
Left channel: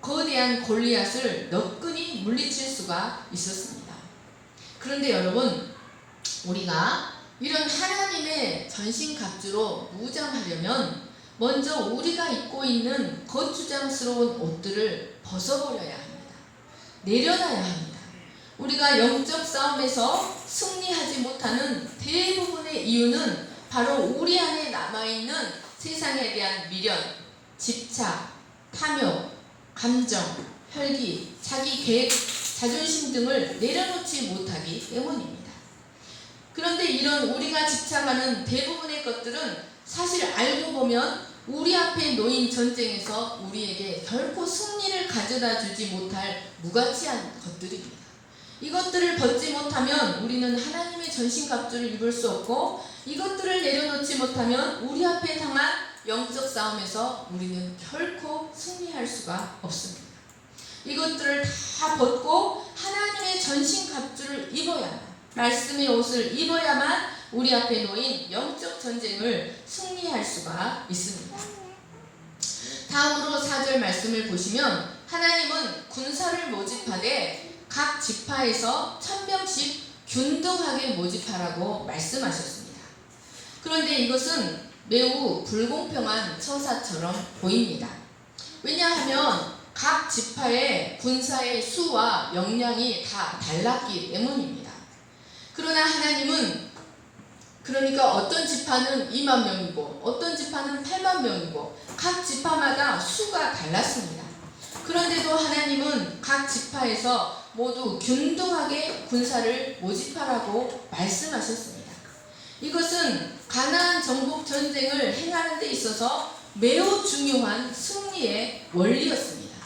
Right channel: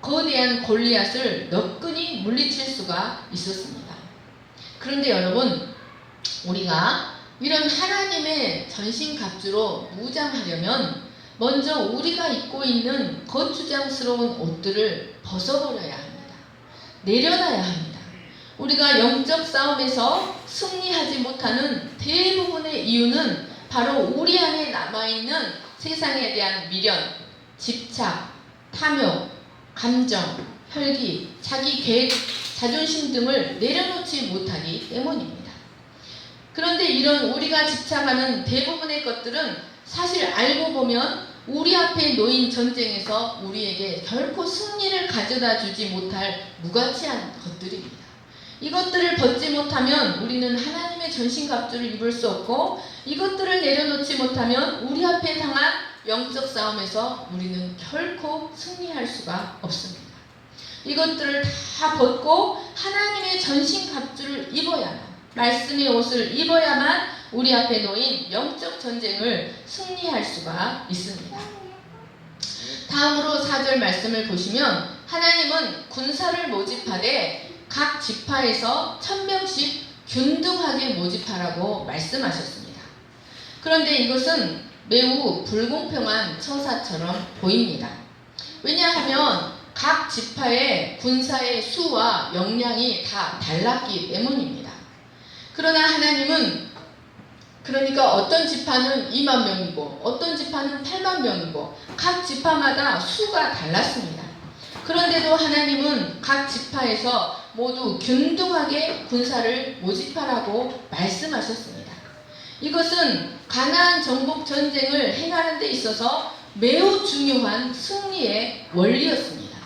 거대한 골리앗을 너끈히 물리칠 수가 있었습니다. 그런데 여러분, 우리가 이런 하나님의 전신갑주로 무장하려면 먼저 우리가 입고 있는 거추장스러운 옷들을 벗어버려야 합니다. 내려놔야 합니다. 우리가 영적 싸움에서 승리하지 못하는 대부분의 이유는 바로 우리 안에 남아있는 세상에 대한 미련, 집착, 탐욕, 감정, 혈기, 자기 계획, 자존심 등을 내려놓지 못하기 때문입니다. 그런데 이런 우리가 집착하는 대부분의 것들은 사실 알고 보면 우리 앞에 놓인 전쟁에서 우리에게 결코 승리를 가져다 주지 못할 무가치한 것들입니다. 이것들을 벗지 못하면 우리는 하나님의 전신갑주를 입을 수 없고, 이것들을 내려놓지 못하면 우리 앞에 당한 영적 싸움에서 우리는 결코 승리할 수가 없습니다. 이것들을 다 벗고 하나님의 전신갑주를 입어야만, 말씀의 옷을 입어야만 우리 앞에 놓인 영적 전쟁을 승리할 수가 있습니다. 다음으로 4절 말씀을 보시면 하나님은 군사를 모집하되 각 지파에서 1000명씩 균등하게 모집하라고 말씀하셨습니다. 그런데 이것은 매우 불공평한 처사처럼 보입니다. 왜냐하면 각 지파의 군사의 수와 역량이 다 달랐기 때문입니다. 그러나 하나님은, 그러니까 어떤 지파는 2만 명이고 어떤 지파는 8만 명이고 각 지파마다 수가 달랐습니다. 그런데도 하나님은 각 지파에서 모두 균등하게 군사를 모집하라고 말씀하셨습니다. 이것은 가나안 정복 전쟁을 행하는 데 있어서 매우 중요한 승리의 원리였습니다.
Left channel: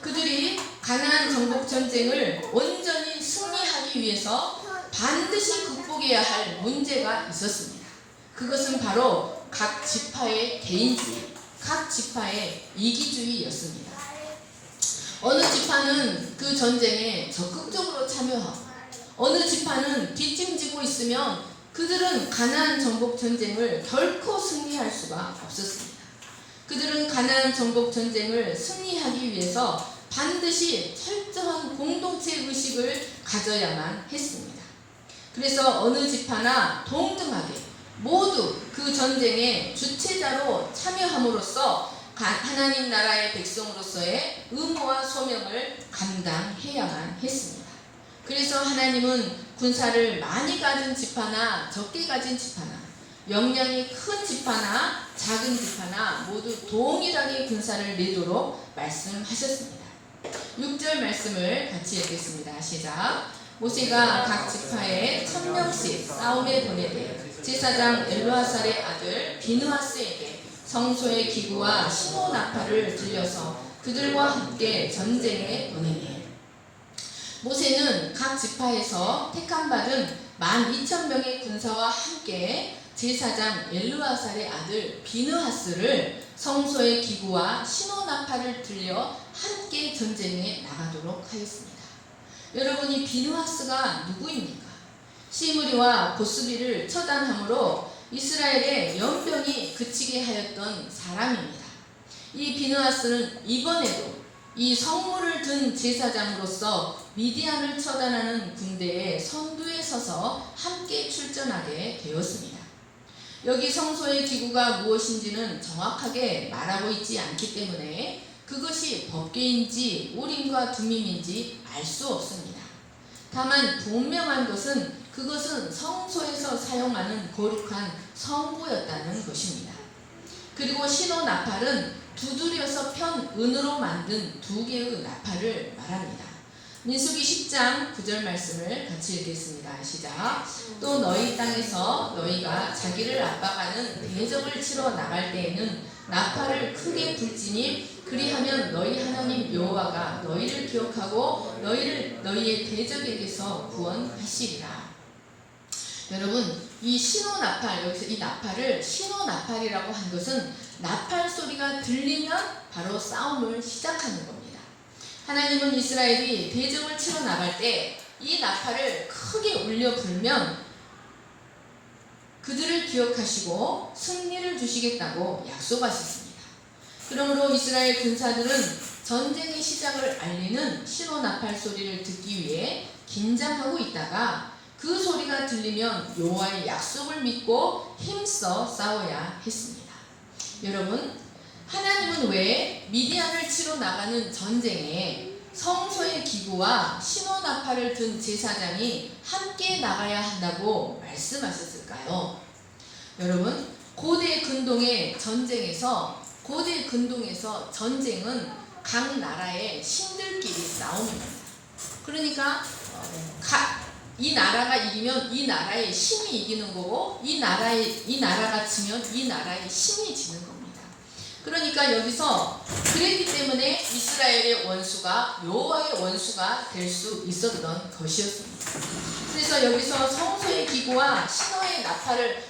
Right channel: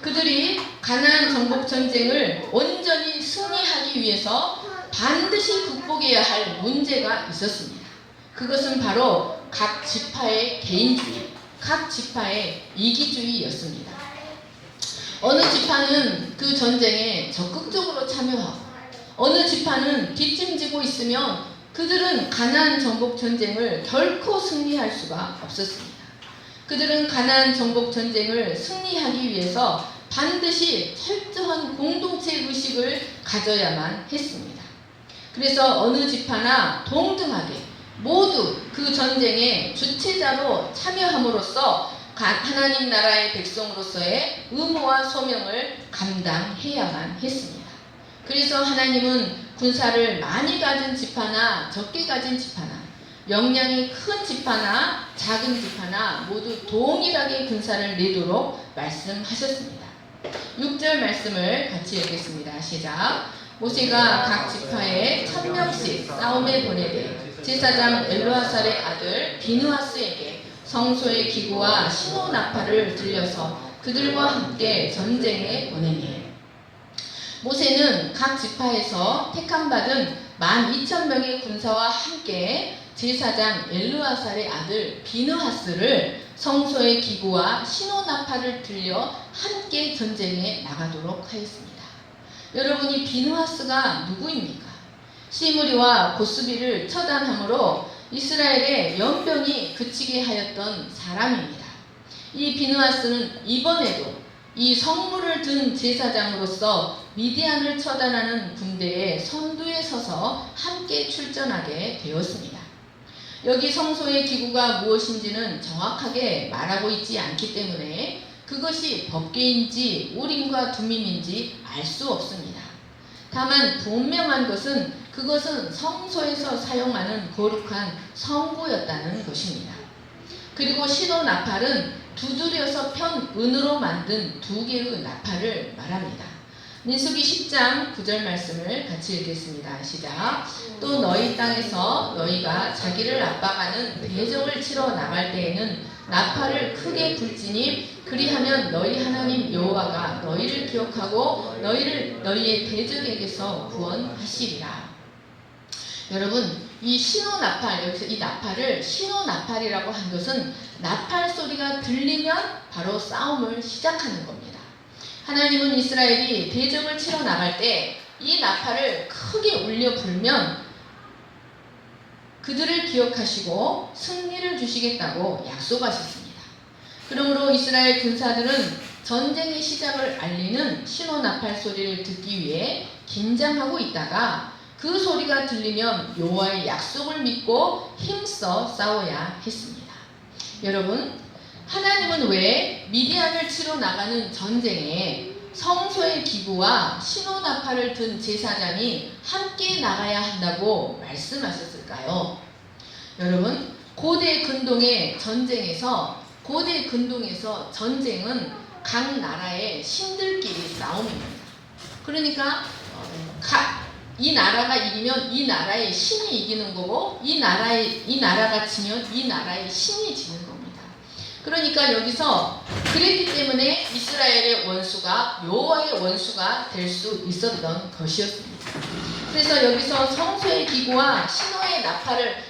그들이 가나안 정복 전쟁을 온전히 승리하기 위해서 반드시 극복해야 할 문제가 있었습니다. 그것은 바로 각 지파의 개인주의, 각 지파의 이기주의였습니다. 어느 지파는 그 전쟁에 적극적으로 참여하고 어느 지파는 뒷짐지고 있으면 그들은 가나안 정복 전쟁을 결코 승리할 수가 없었습니다. 그들은 가나안 정복 전쟁을 승리하기 위해서 반드시 철저한 공동체 의식을 가져야만 했습니다. 그래서 어느 지파나 동등하게 모두 그 전쟁의 주체자로 참여함으로써 하나님 나라의 백성으로서의 의무와 소명을 감당해야만 했습니다. 그래서 하나님은 군사를 많이 가진 지파나 적게 가진 지파나, 역량이 큰 지파나 작은 지파나 모두 동일하게 군사를 내도록 말씀하셨습니다. 6절 말씀을 같이 읽겠습니다. 시작. 모세가 각 지파에 1000명씩 싸움에 보내되 제사장 엘르아살의 아들 비느하스에게 성소의 기구와 신호 나팔을 들려서 그들과 함께 전쟁에 보내니, 모세는 각 지파에서 택함받은 12,000명의 군사와 함께 제사장 엘르아살의 아들 비느하스를 성소의 기구와 신호 나팔을 들려 함께 전쟁에 나가도록 하였습니다. 여러분이 비느하스가 누구입니까? 시므리와 고스비를 처단함으로 이스라엘의 연병이 그치게 하였던 사람입니다. 이 비느하스는 이번에도 이 성물을 든 제사장으로서 미디안을 처단하는 군대의 선두에 서서 함께 출전하게 되었습니다. 여기 성소의 기구가 무엇인지는 정확하게 말하고 있지 않기 때문에 그것이 법궤인지 우림과 둠밈인지 알 수 없습니다. 다만 분명한 것은 그것은 성소에서 사용하는 거룩한 성구였다는 것입니다. 그리고 시도 나팔은 두드려서 편 은으로 만든 2개의 나팔을 말합니다. 민수기 10장 9절 말씀을 같이 읽겠습니다. 시작. 또 너희 땅에서 너희가 자기를 압박하는 대적을 치러 나갈 때에는 나팔을 크게 불지니 그리하면 너희 하나님 여호와가 너희를 기억하고 너희를 너희의 대적에게서 구원하시리라. 여러분, 이 신호나팔, 여기서 이 나팔을 신호나팔이라고 한 것은 나팔 소리가 들리면 바로 싸움을 시작하는 겁니다. 하나님은 이스라엘이 대적을 치러 나갈 때 이 나팔을 크게 울려 불면 그들을 기억하시고 승리를 주시겠다고 약속하셨습니다. 그러므로 이스라엘 군사들은 전쟁의 시작을 알리는 신호나팔 소리를 듣기 위해 긴장하고 있다가 그 소리가 들리면 여호와의 약속을 믿고 힘써 싸워야 했습니다. 여러분, 하나님은 왜 미디안을 치러 나가는 전쟁에 성소의 기구와 신호나팔을 든 제사장이 함께 나가야 한다고 말씀하셨을까요? 여러분, 고대 근동의 전쟁은 각 나라의 신들끼리 싸움입니다. 그러니까 이 나라가 이기면 이 나라의 신이 이기는 거고 이 나라가 지면 이 나라의 신이 지는 겁니다. 그러니까 여기서 그랬기 때문에 이스라엘의 원수가 여호와의 원수가 될 수 있었던 것이었습니다. 그래서 여기서 성소의 기구와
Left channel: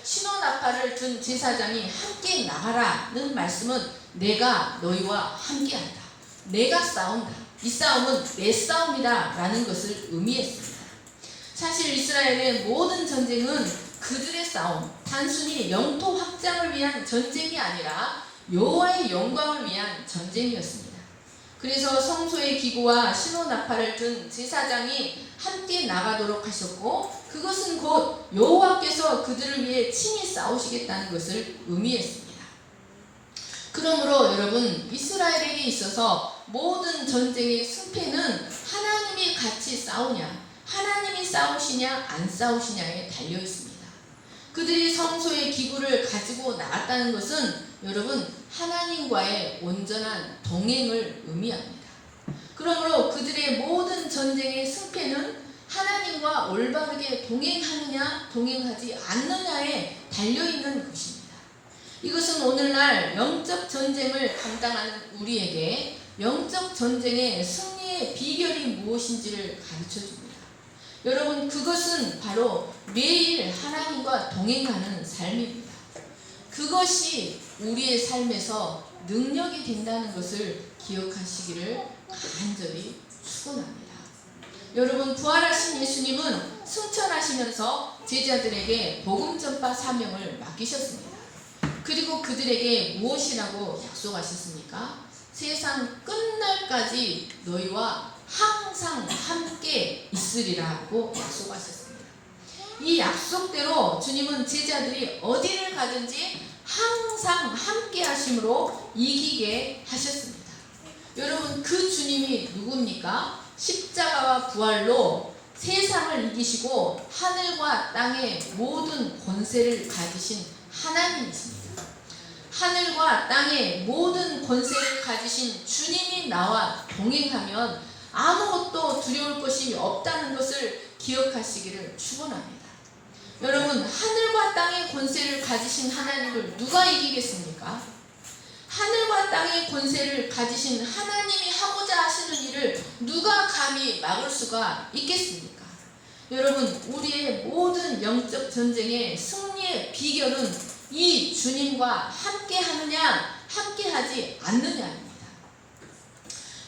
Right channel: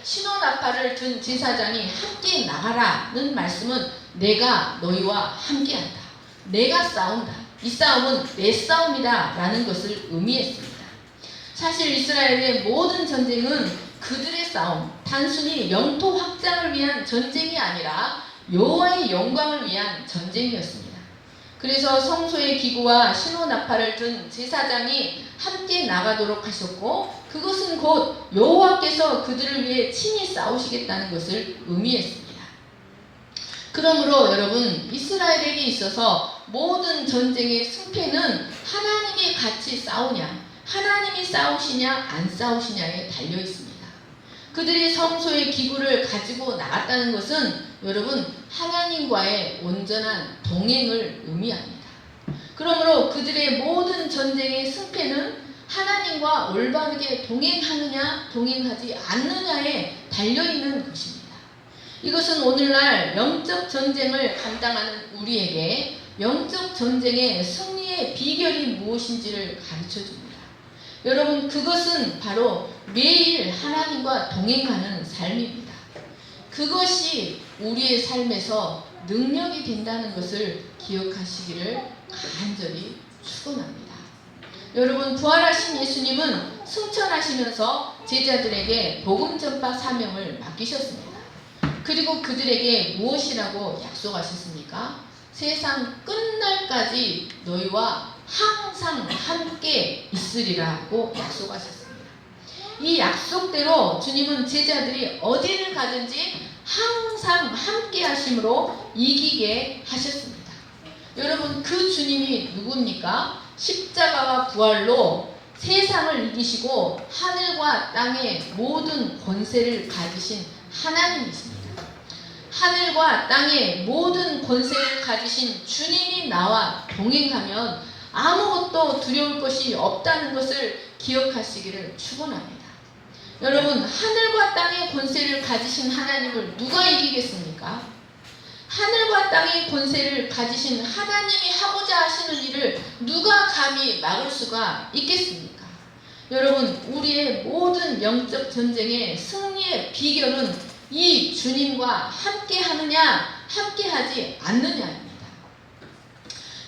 신호나팔을 든 제사장이 함께 나가라는 말씀은 내가 너희와 함께한다. 내가 싸운다. 이 싸움은 내 싸움이다 라는 것을 의미했습니다. 사실 이스라엘의 모든 전쟁은 그들의 싸움, 단순히 영토 확장을 위한 전쟁이 아니라 여호와의 영광을 위한 전쟁이었습니다. 그래서 성소의 기구와 신호나팔을 든 제사장이 함께 나가도록 하셨고 그것은 곧 여호와께서 그들을 위해 친히 싸우시겠다는 것을 의미했습니다. 그러므로 여러분, 이스라엘에게 있어서 모든 전쟁의 승패는 하나님이 같이 싸우냐, 하나님이 싸우시냐 안 싸우시냐에 달려 있습니다. 그들이 성소의 기구를 가지고 나갔다는 것은 여러분, 하나님과의 온전한 동행을 의미합니다. 그러므로 그들의 모든 전쟁의 승패는 하나님과 올바르게 동행하느냐 동행하지 않느냐에 달려있는 것입니다. 이것은 오늘날 영적 전쟁을 감당하는 우리에게 영적 전쟁의 승리의 비결이 무엇인지를 가르쳐줍니다. 여러분, 그것은 바로 매일 하나님과 동행하는 삶입니다. 그것이 우리의 삶에서 능력이 된다는 것을 기억하시기를 간절히 축원합니다. 여러분, 부활하신 예수님은 승천하시면서 제자들에게 복음 전파 사명을 맡기셨습니다. 그리고 그들에게 무엇이라고 약속하셨습니까? 세상 끝날까지 너희와 항상 함께 있으리라고 약속하셨습니다. 이 약속대로 주님은 제자들이 어디를 가든지 항상 함께 하심으로 이기게 하셨습니다. 여러분, 그 주님이 누굽니까? 십자가와 부활로 세상을 이기시고 하늘과 땅의 모든 권세를 가지신 하나님이십니다. 하늘과 땅의 모든 권세를 가지신 주님이 나와 동행하면 아무것도 두려울 것이 없다는 것을 기억하시기를 축원합니다. 여러분, 하늘과 땅의 권세를 가지신 하나님을 누가 이기겠습니까? 하늘과 땅의 권세를 가지신 하나님이 하고자 하시는 일을 누가 감히 막을 수가 있겠습니까? 여러분, 우리의 모든 영적 전쟁의 승리의 비결은 이 주님과 함께 하느냐 함께 하지 않느냐입니다.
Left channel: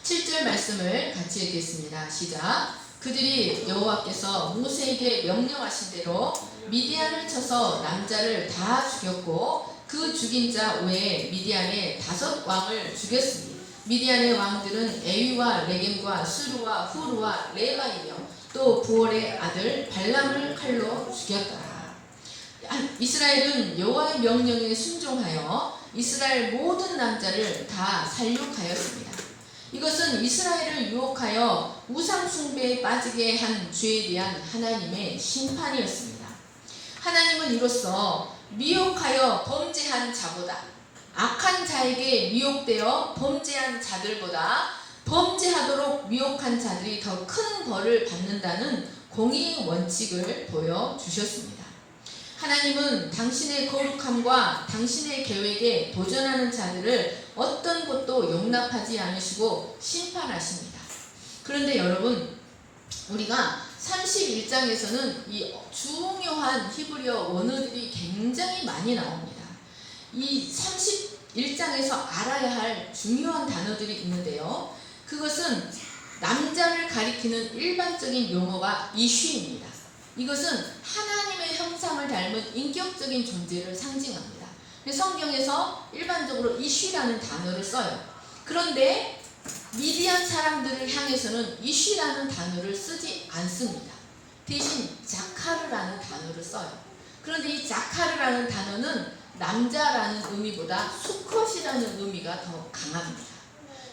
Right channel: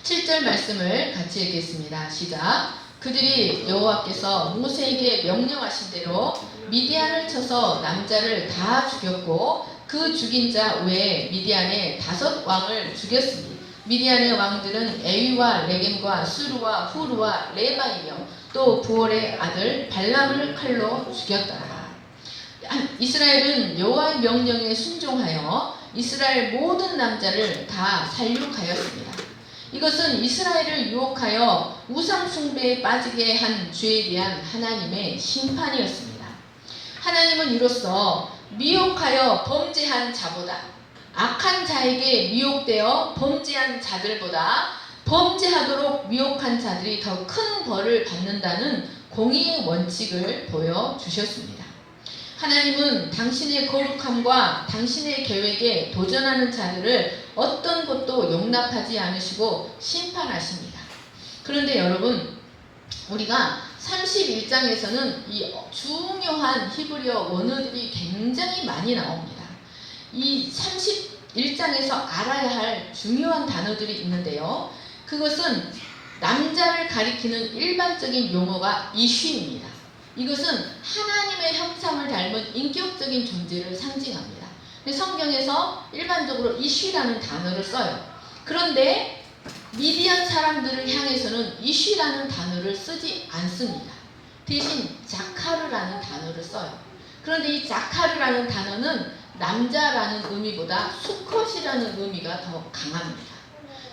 7절 말씀을 같이 읽겠습니다. 시작. 그들이 여호와께서 모세에게 명령하신 대로 미디안을 쳐서 남자를 다 죽였고 그 죽인 자 외에 미디안의 5왕을 죽였으니 미디안의 왕들은 에위와 레겜과 수르와 후르와 레마이며 또 부올의 아들 발람을 칼로 죽였더라. 이스라엘은 여호와의 명령에 순종하여 이스라엘 모든 남자를 다 살육하였습니다. 이것은 이스라엘을 유혹하여 우상 숭배에 빠지게 한 죄에 대한 하나님의 심판이었습니다. 하나님은 이로써 미혹하여 범죄한 자보다, 악한 자에게 미혹되어 범죄한 자들보다 범죄하도록 미혹한 자들이 더 큰 벌을 받는다는 공의의 원칙을 보여주셨습니다. 하나님은 당신의 거룩함과 당신의 계획에 도전하는 자들을 어떤 것도 용납하지 않으시고 심판하십니다. 그런데 여러분, 우리가 31장에서는 이 중요한 히브리어 원어들이 굉장히 많이 나옵니다. 이 31장에서 알아야 할 중요한 단어들이 있는데요. 그것은 남자를 가리키는 일반적인 용어가 이쉬입니다. 이것은 하나님의 형상을 닮은 인격적인 존재를 상징합니다. 성경에서 일반적으로 이쉬라는 단어를 써요. 그런데 미디안 사람들을 향해서는 이쉬라는 단어를 쓰지 않습니다. 대신 자카르라는 단어를 써요. 그런데 이 자카르라는 단어는 남자라는 의미보다 수컷이라는 의미가 더 강합니다.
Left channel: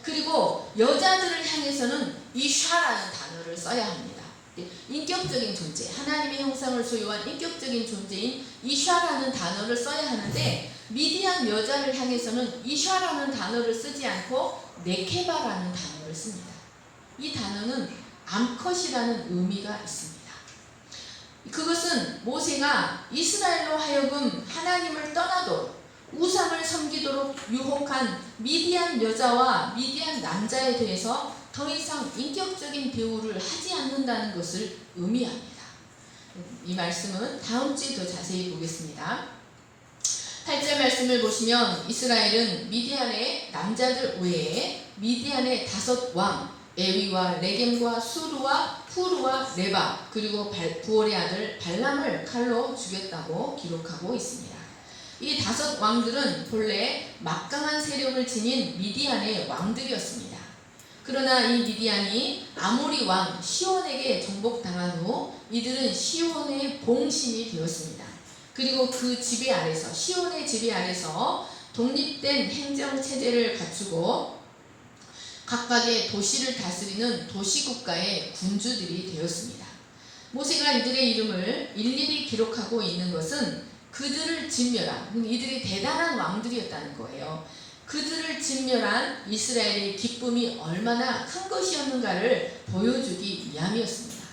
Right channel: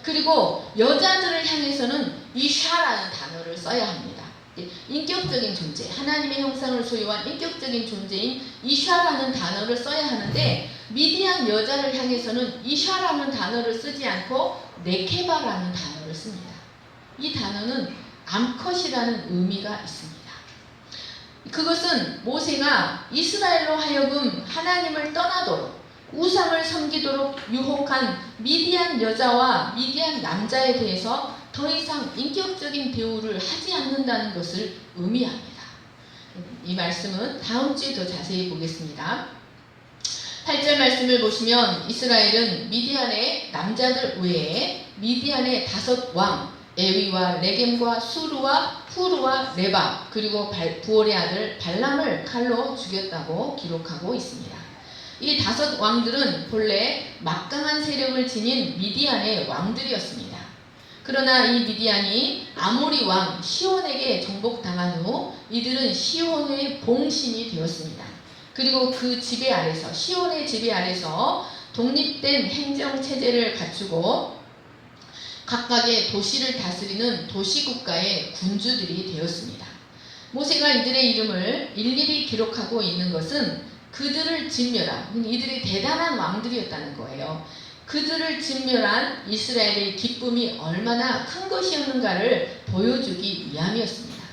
그리고 여자들을 향해서는 이샤라는 단어를 써야 합니다. 인격적인 존재, 하나님의 형상을 소유한 인격적인 존재인 이샤라는 단어를 써야 하는데, 미디안 여자를 향해서는 이샤라는 단어를 쓰지 않고 네케바라는 단어를 씁니다. 이 단어는 암컷이라는 의미가 있습니다. 그것은 모세가 이스라엘로 하여금 하나님을 떠나도록 우상을 섬기도록 유혹한 미디안 여자와 미디안 남자에 대해서 더 이상 인격적인 대우를 하지 않는다는 것을 의미합니다. 이 말씀은 다음 주에 더 자세히 보겠습니다. 8절 말씀을 보시면 이스라엘은 미디안의 남자들 외에 미디안의 5왕 에위와 레겜과 수르와 후르와 레바 그리고 부올의 아들 발람을 칼로 죽였다고 기록하고 있습니다. 이 5 왕들은 본래 막강한 세력을 지닌 미디안의 왕들이었습니다. 그러나 이 미디안이 아모리 왕 시온에게 정복당한 후 이들은 시온의 봉신이 되었습니다. 그리고 그 지배 아래서, 시온의 지배 아래서 독립된 행정체제를 갖추고 각각의 도시를 다스리는 도시국가의 군주들이 되었습니다. 모세가 이들의 이름을 일일이 기록하고 있는 것은 그들을 진멸한, 이들이 대단한 왕들이었다는 거예요. 그들을 진멸한 이스라엘의 기쁨이 얼마나 큰 것이었는가를 보여주기 위함이었습니다.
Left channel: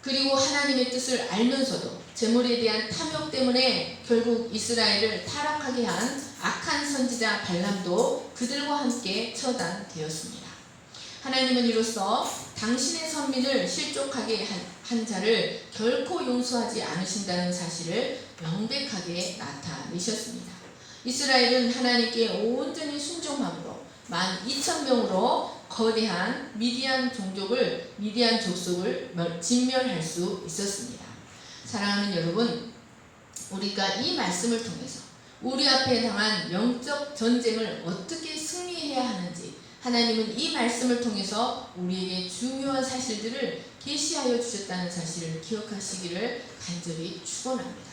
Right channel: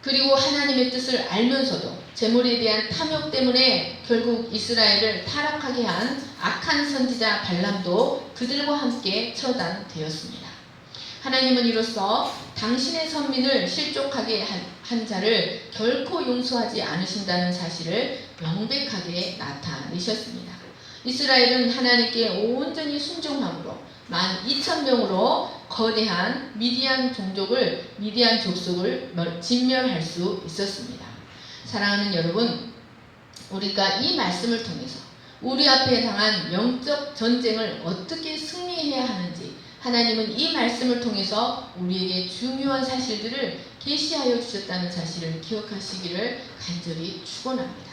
그리고 하나님의 뜻을 알면서도 제물에 대한 탐욕 때문에 결국 이스라엘을 타락하게 한 악한 선지자 발람도 그들과 함께 처단되었습니다. 하나님은 이로써 당신의 선민을 실족하게 한 자를 결코 용서하지 않으신다는 사실을 명백하게 나타내셨습니다. 이스라엘은 하나님께 온전히 순종함으로 12,000명으로 거대한 미디안 족속을 진멸할 수 있었습니다. 사랑하는 여러분, 우리가 이 말씀을 통해서 우리 앞에 당한 영적 전쟁을 어떻게 승리해야 하는지 하나님은 이 말씀을 통해서 우리에게 중요한 사실들을 계시하여 주셨다는 사실을 기억하시기를 간절히 축원합니다.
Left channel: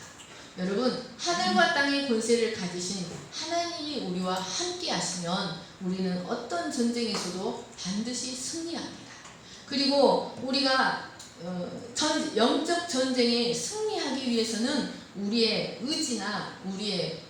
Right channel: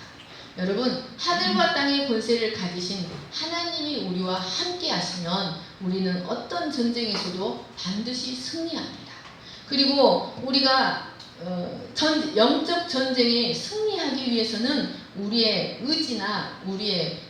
여러분, 하늘과 땅의 권세를 가지신 하나님이 우리와 함께 하시면 우리는 어떤 전쟁에서도 반드시 승리합니다. 그리고 우리가 영적 전쟁에 승리하기 위해서는 우리의 의지나 우리의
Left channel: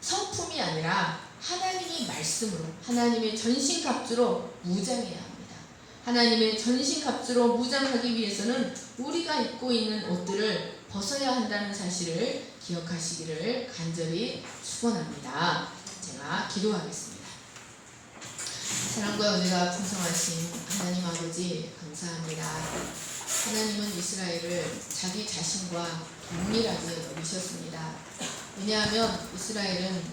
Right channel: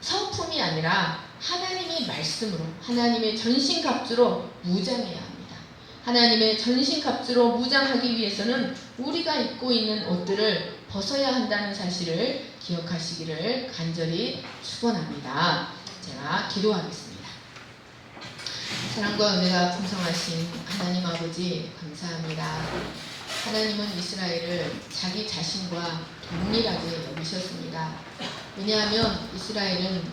성품이 아니라 하나님의 말씀으로, 하나님의 전신갑주로 무장해야 합니다. 하나님의 전신갑주로 무장하기 위해서는 우리가 입고 있는 옷들을 벗어야 한다는 사실을 기억하시기를 간절히 축원합니다. 제가 기도하겠습니다. 사랑과 은혜가 풍성하신 하나님 아버지 감사합니다. 하나님은 이스라엘을 자기 자신과 동일하게 여기셨습니다. 왜냐하면 이스라엘은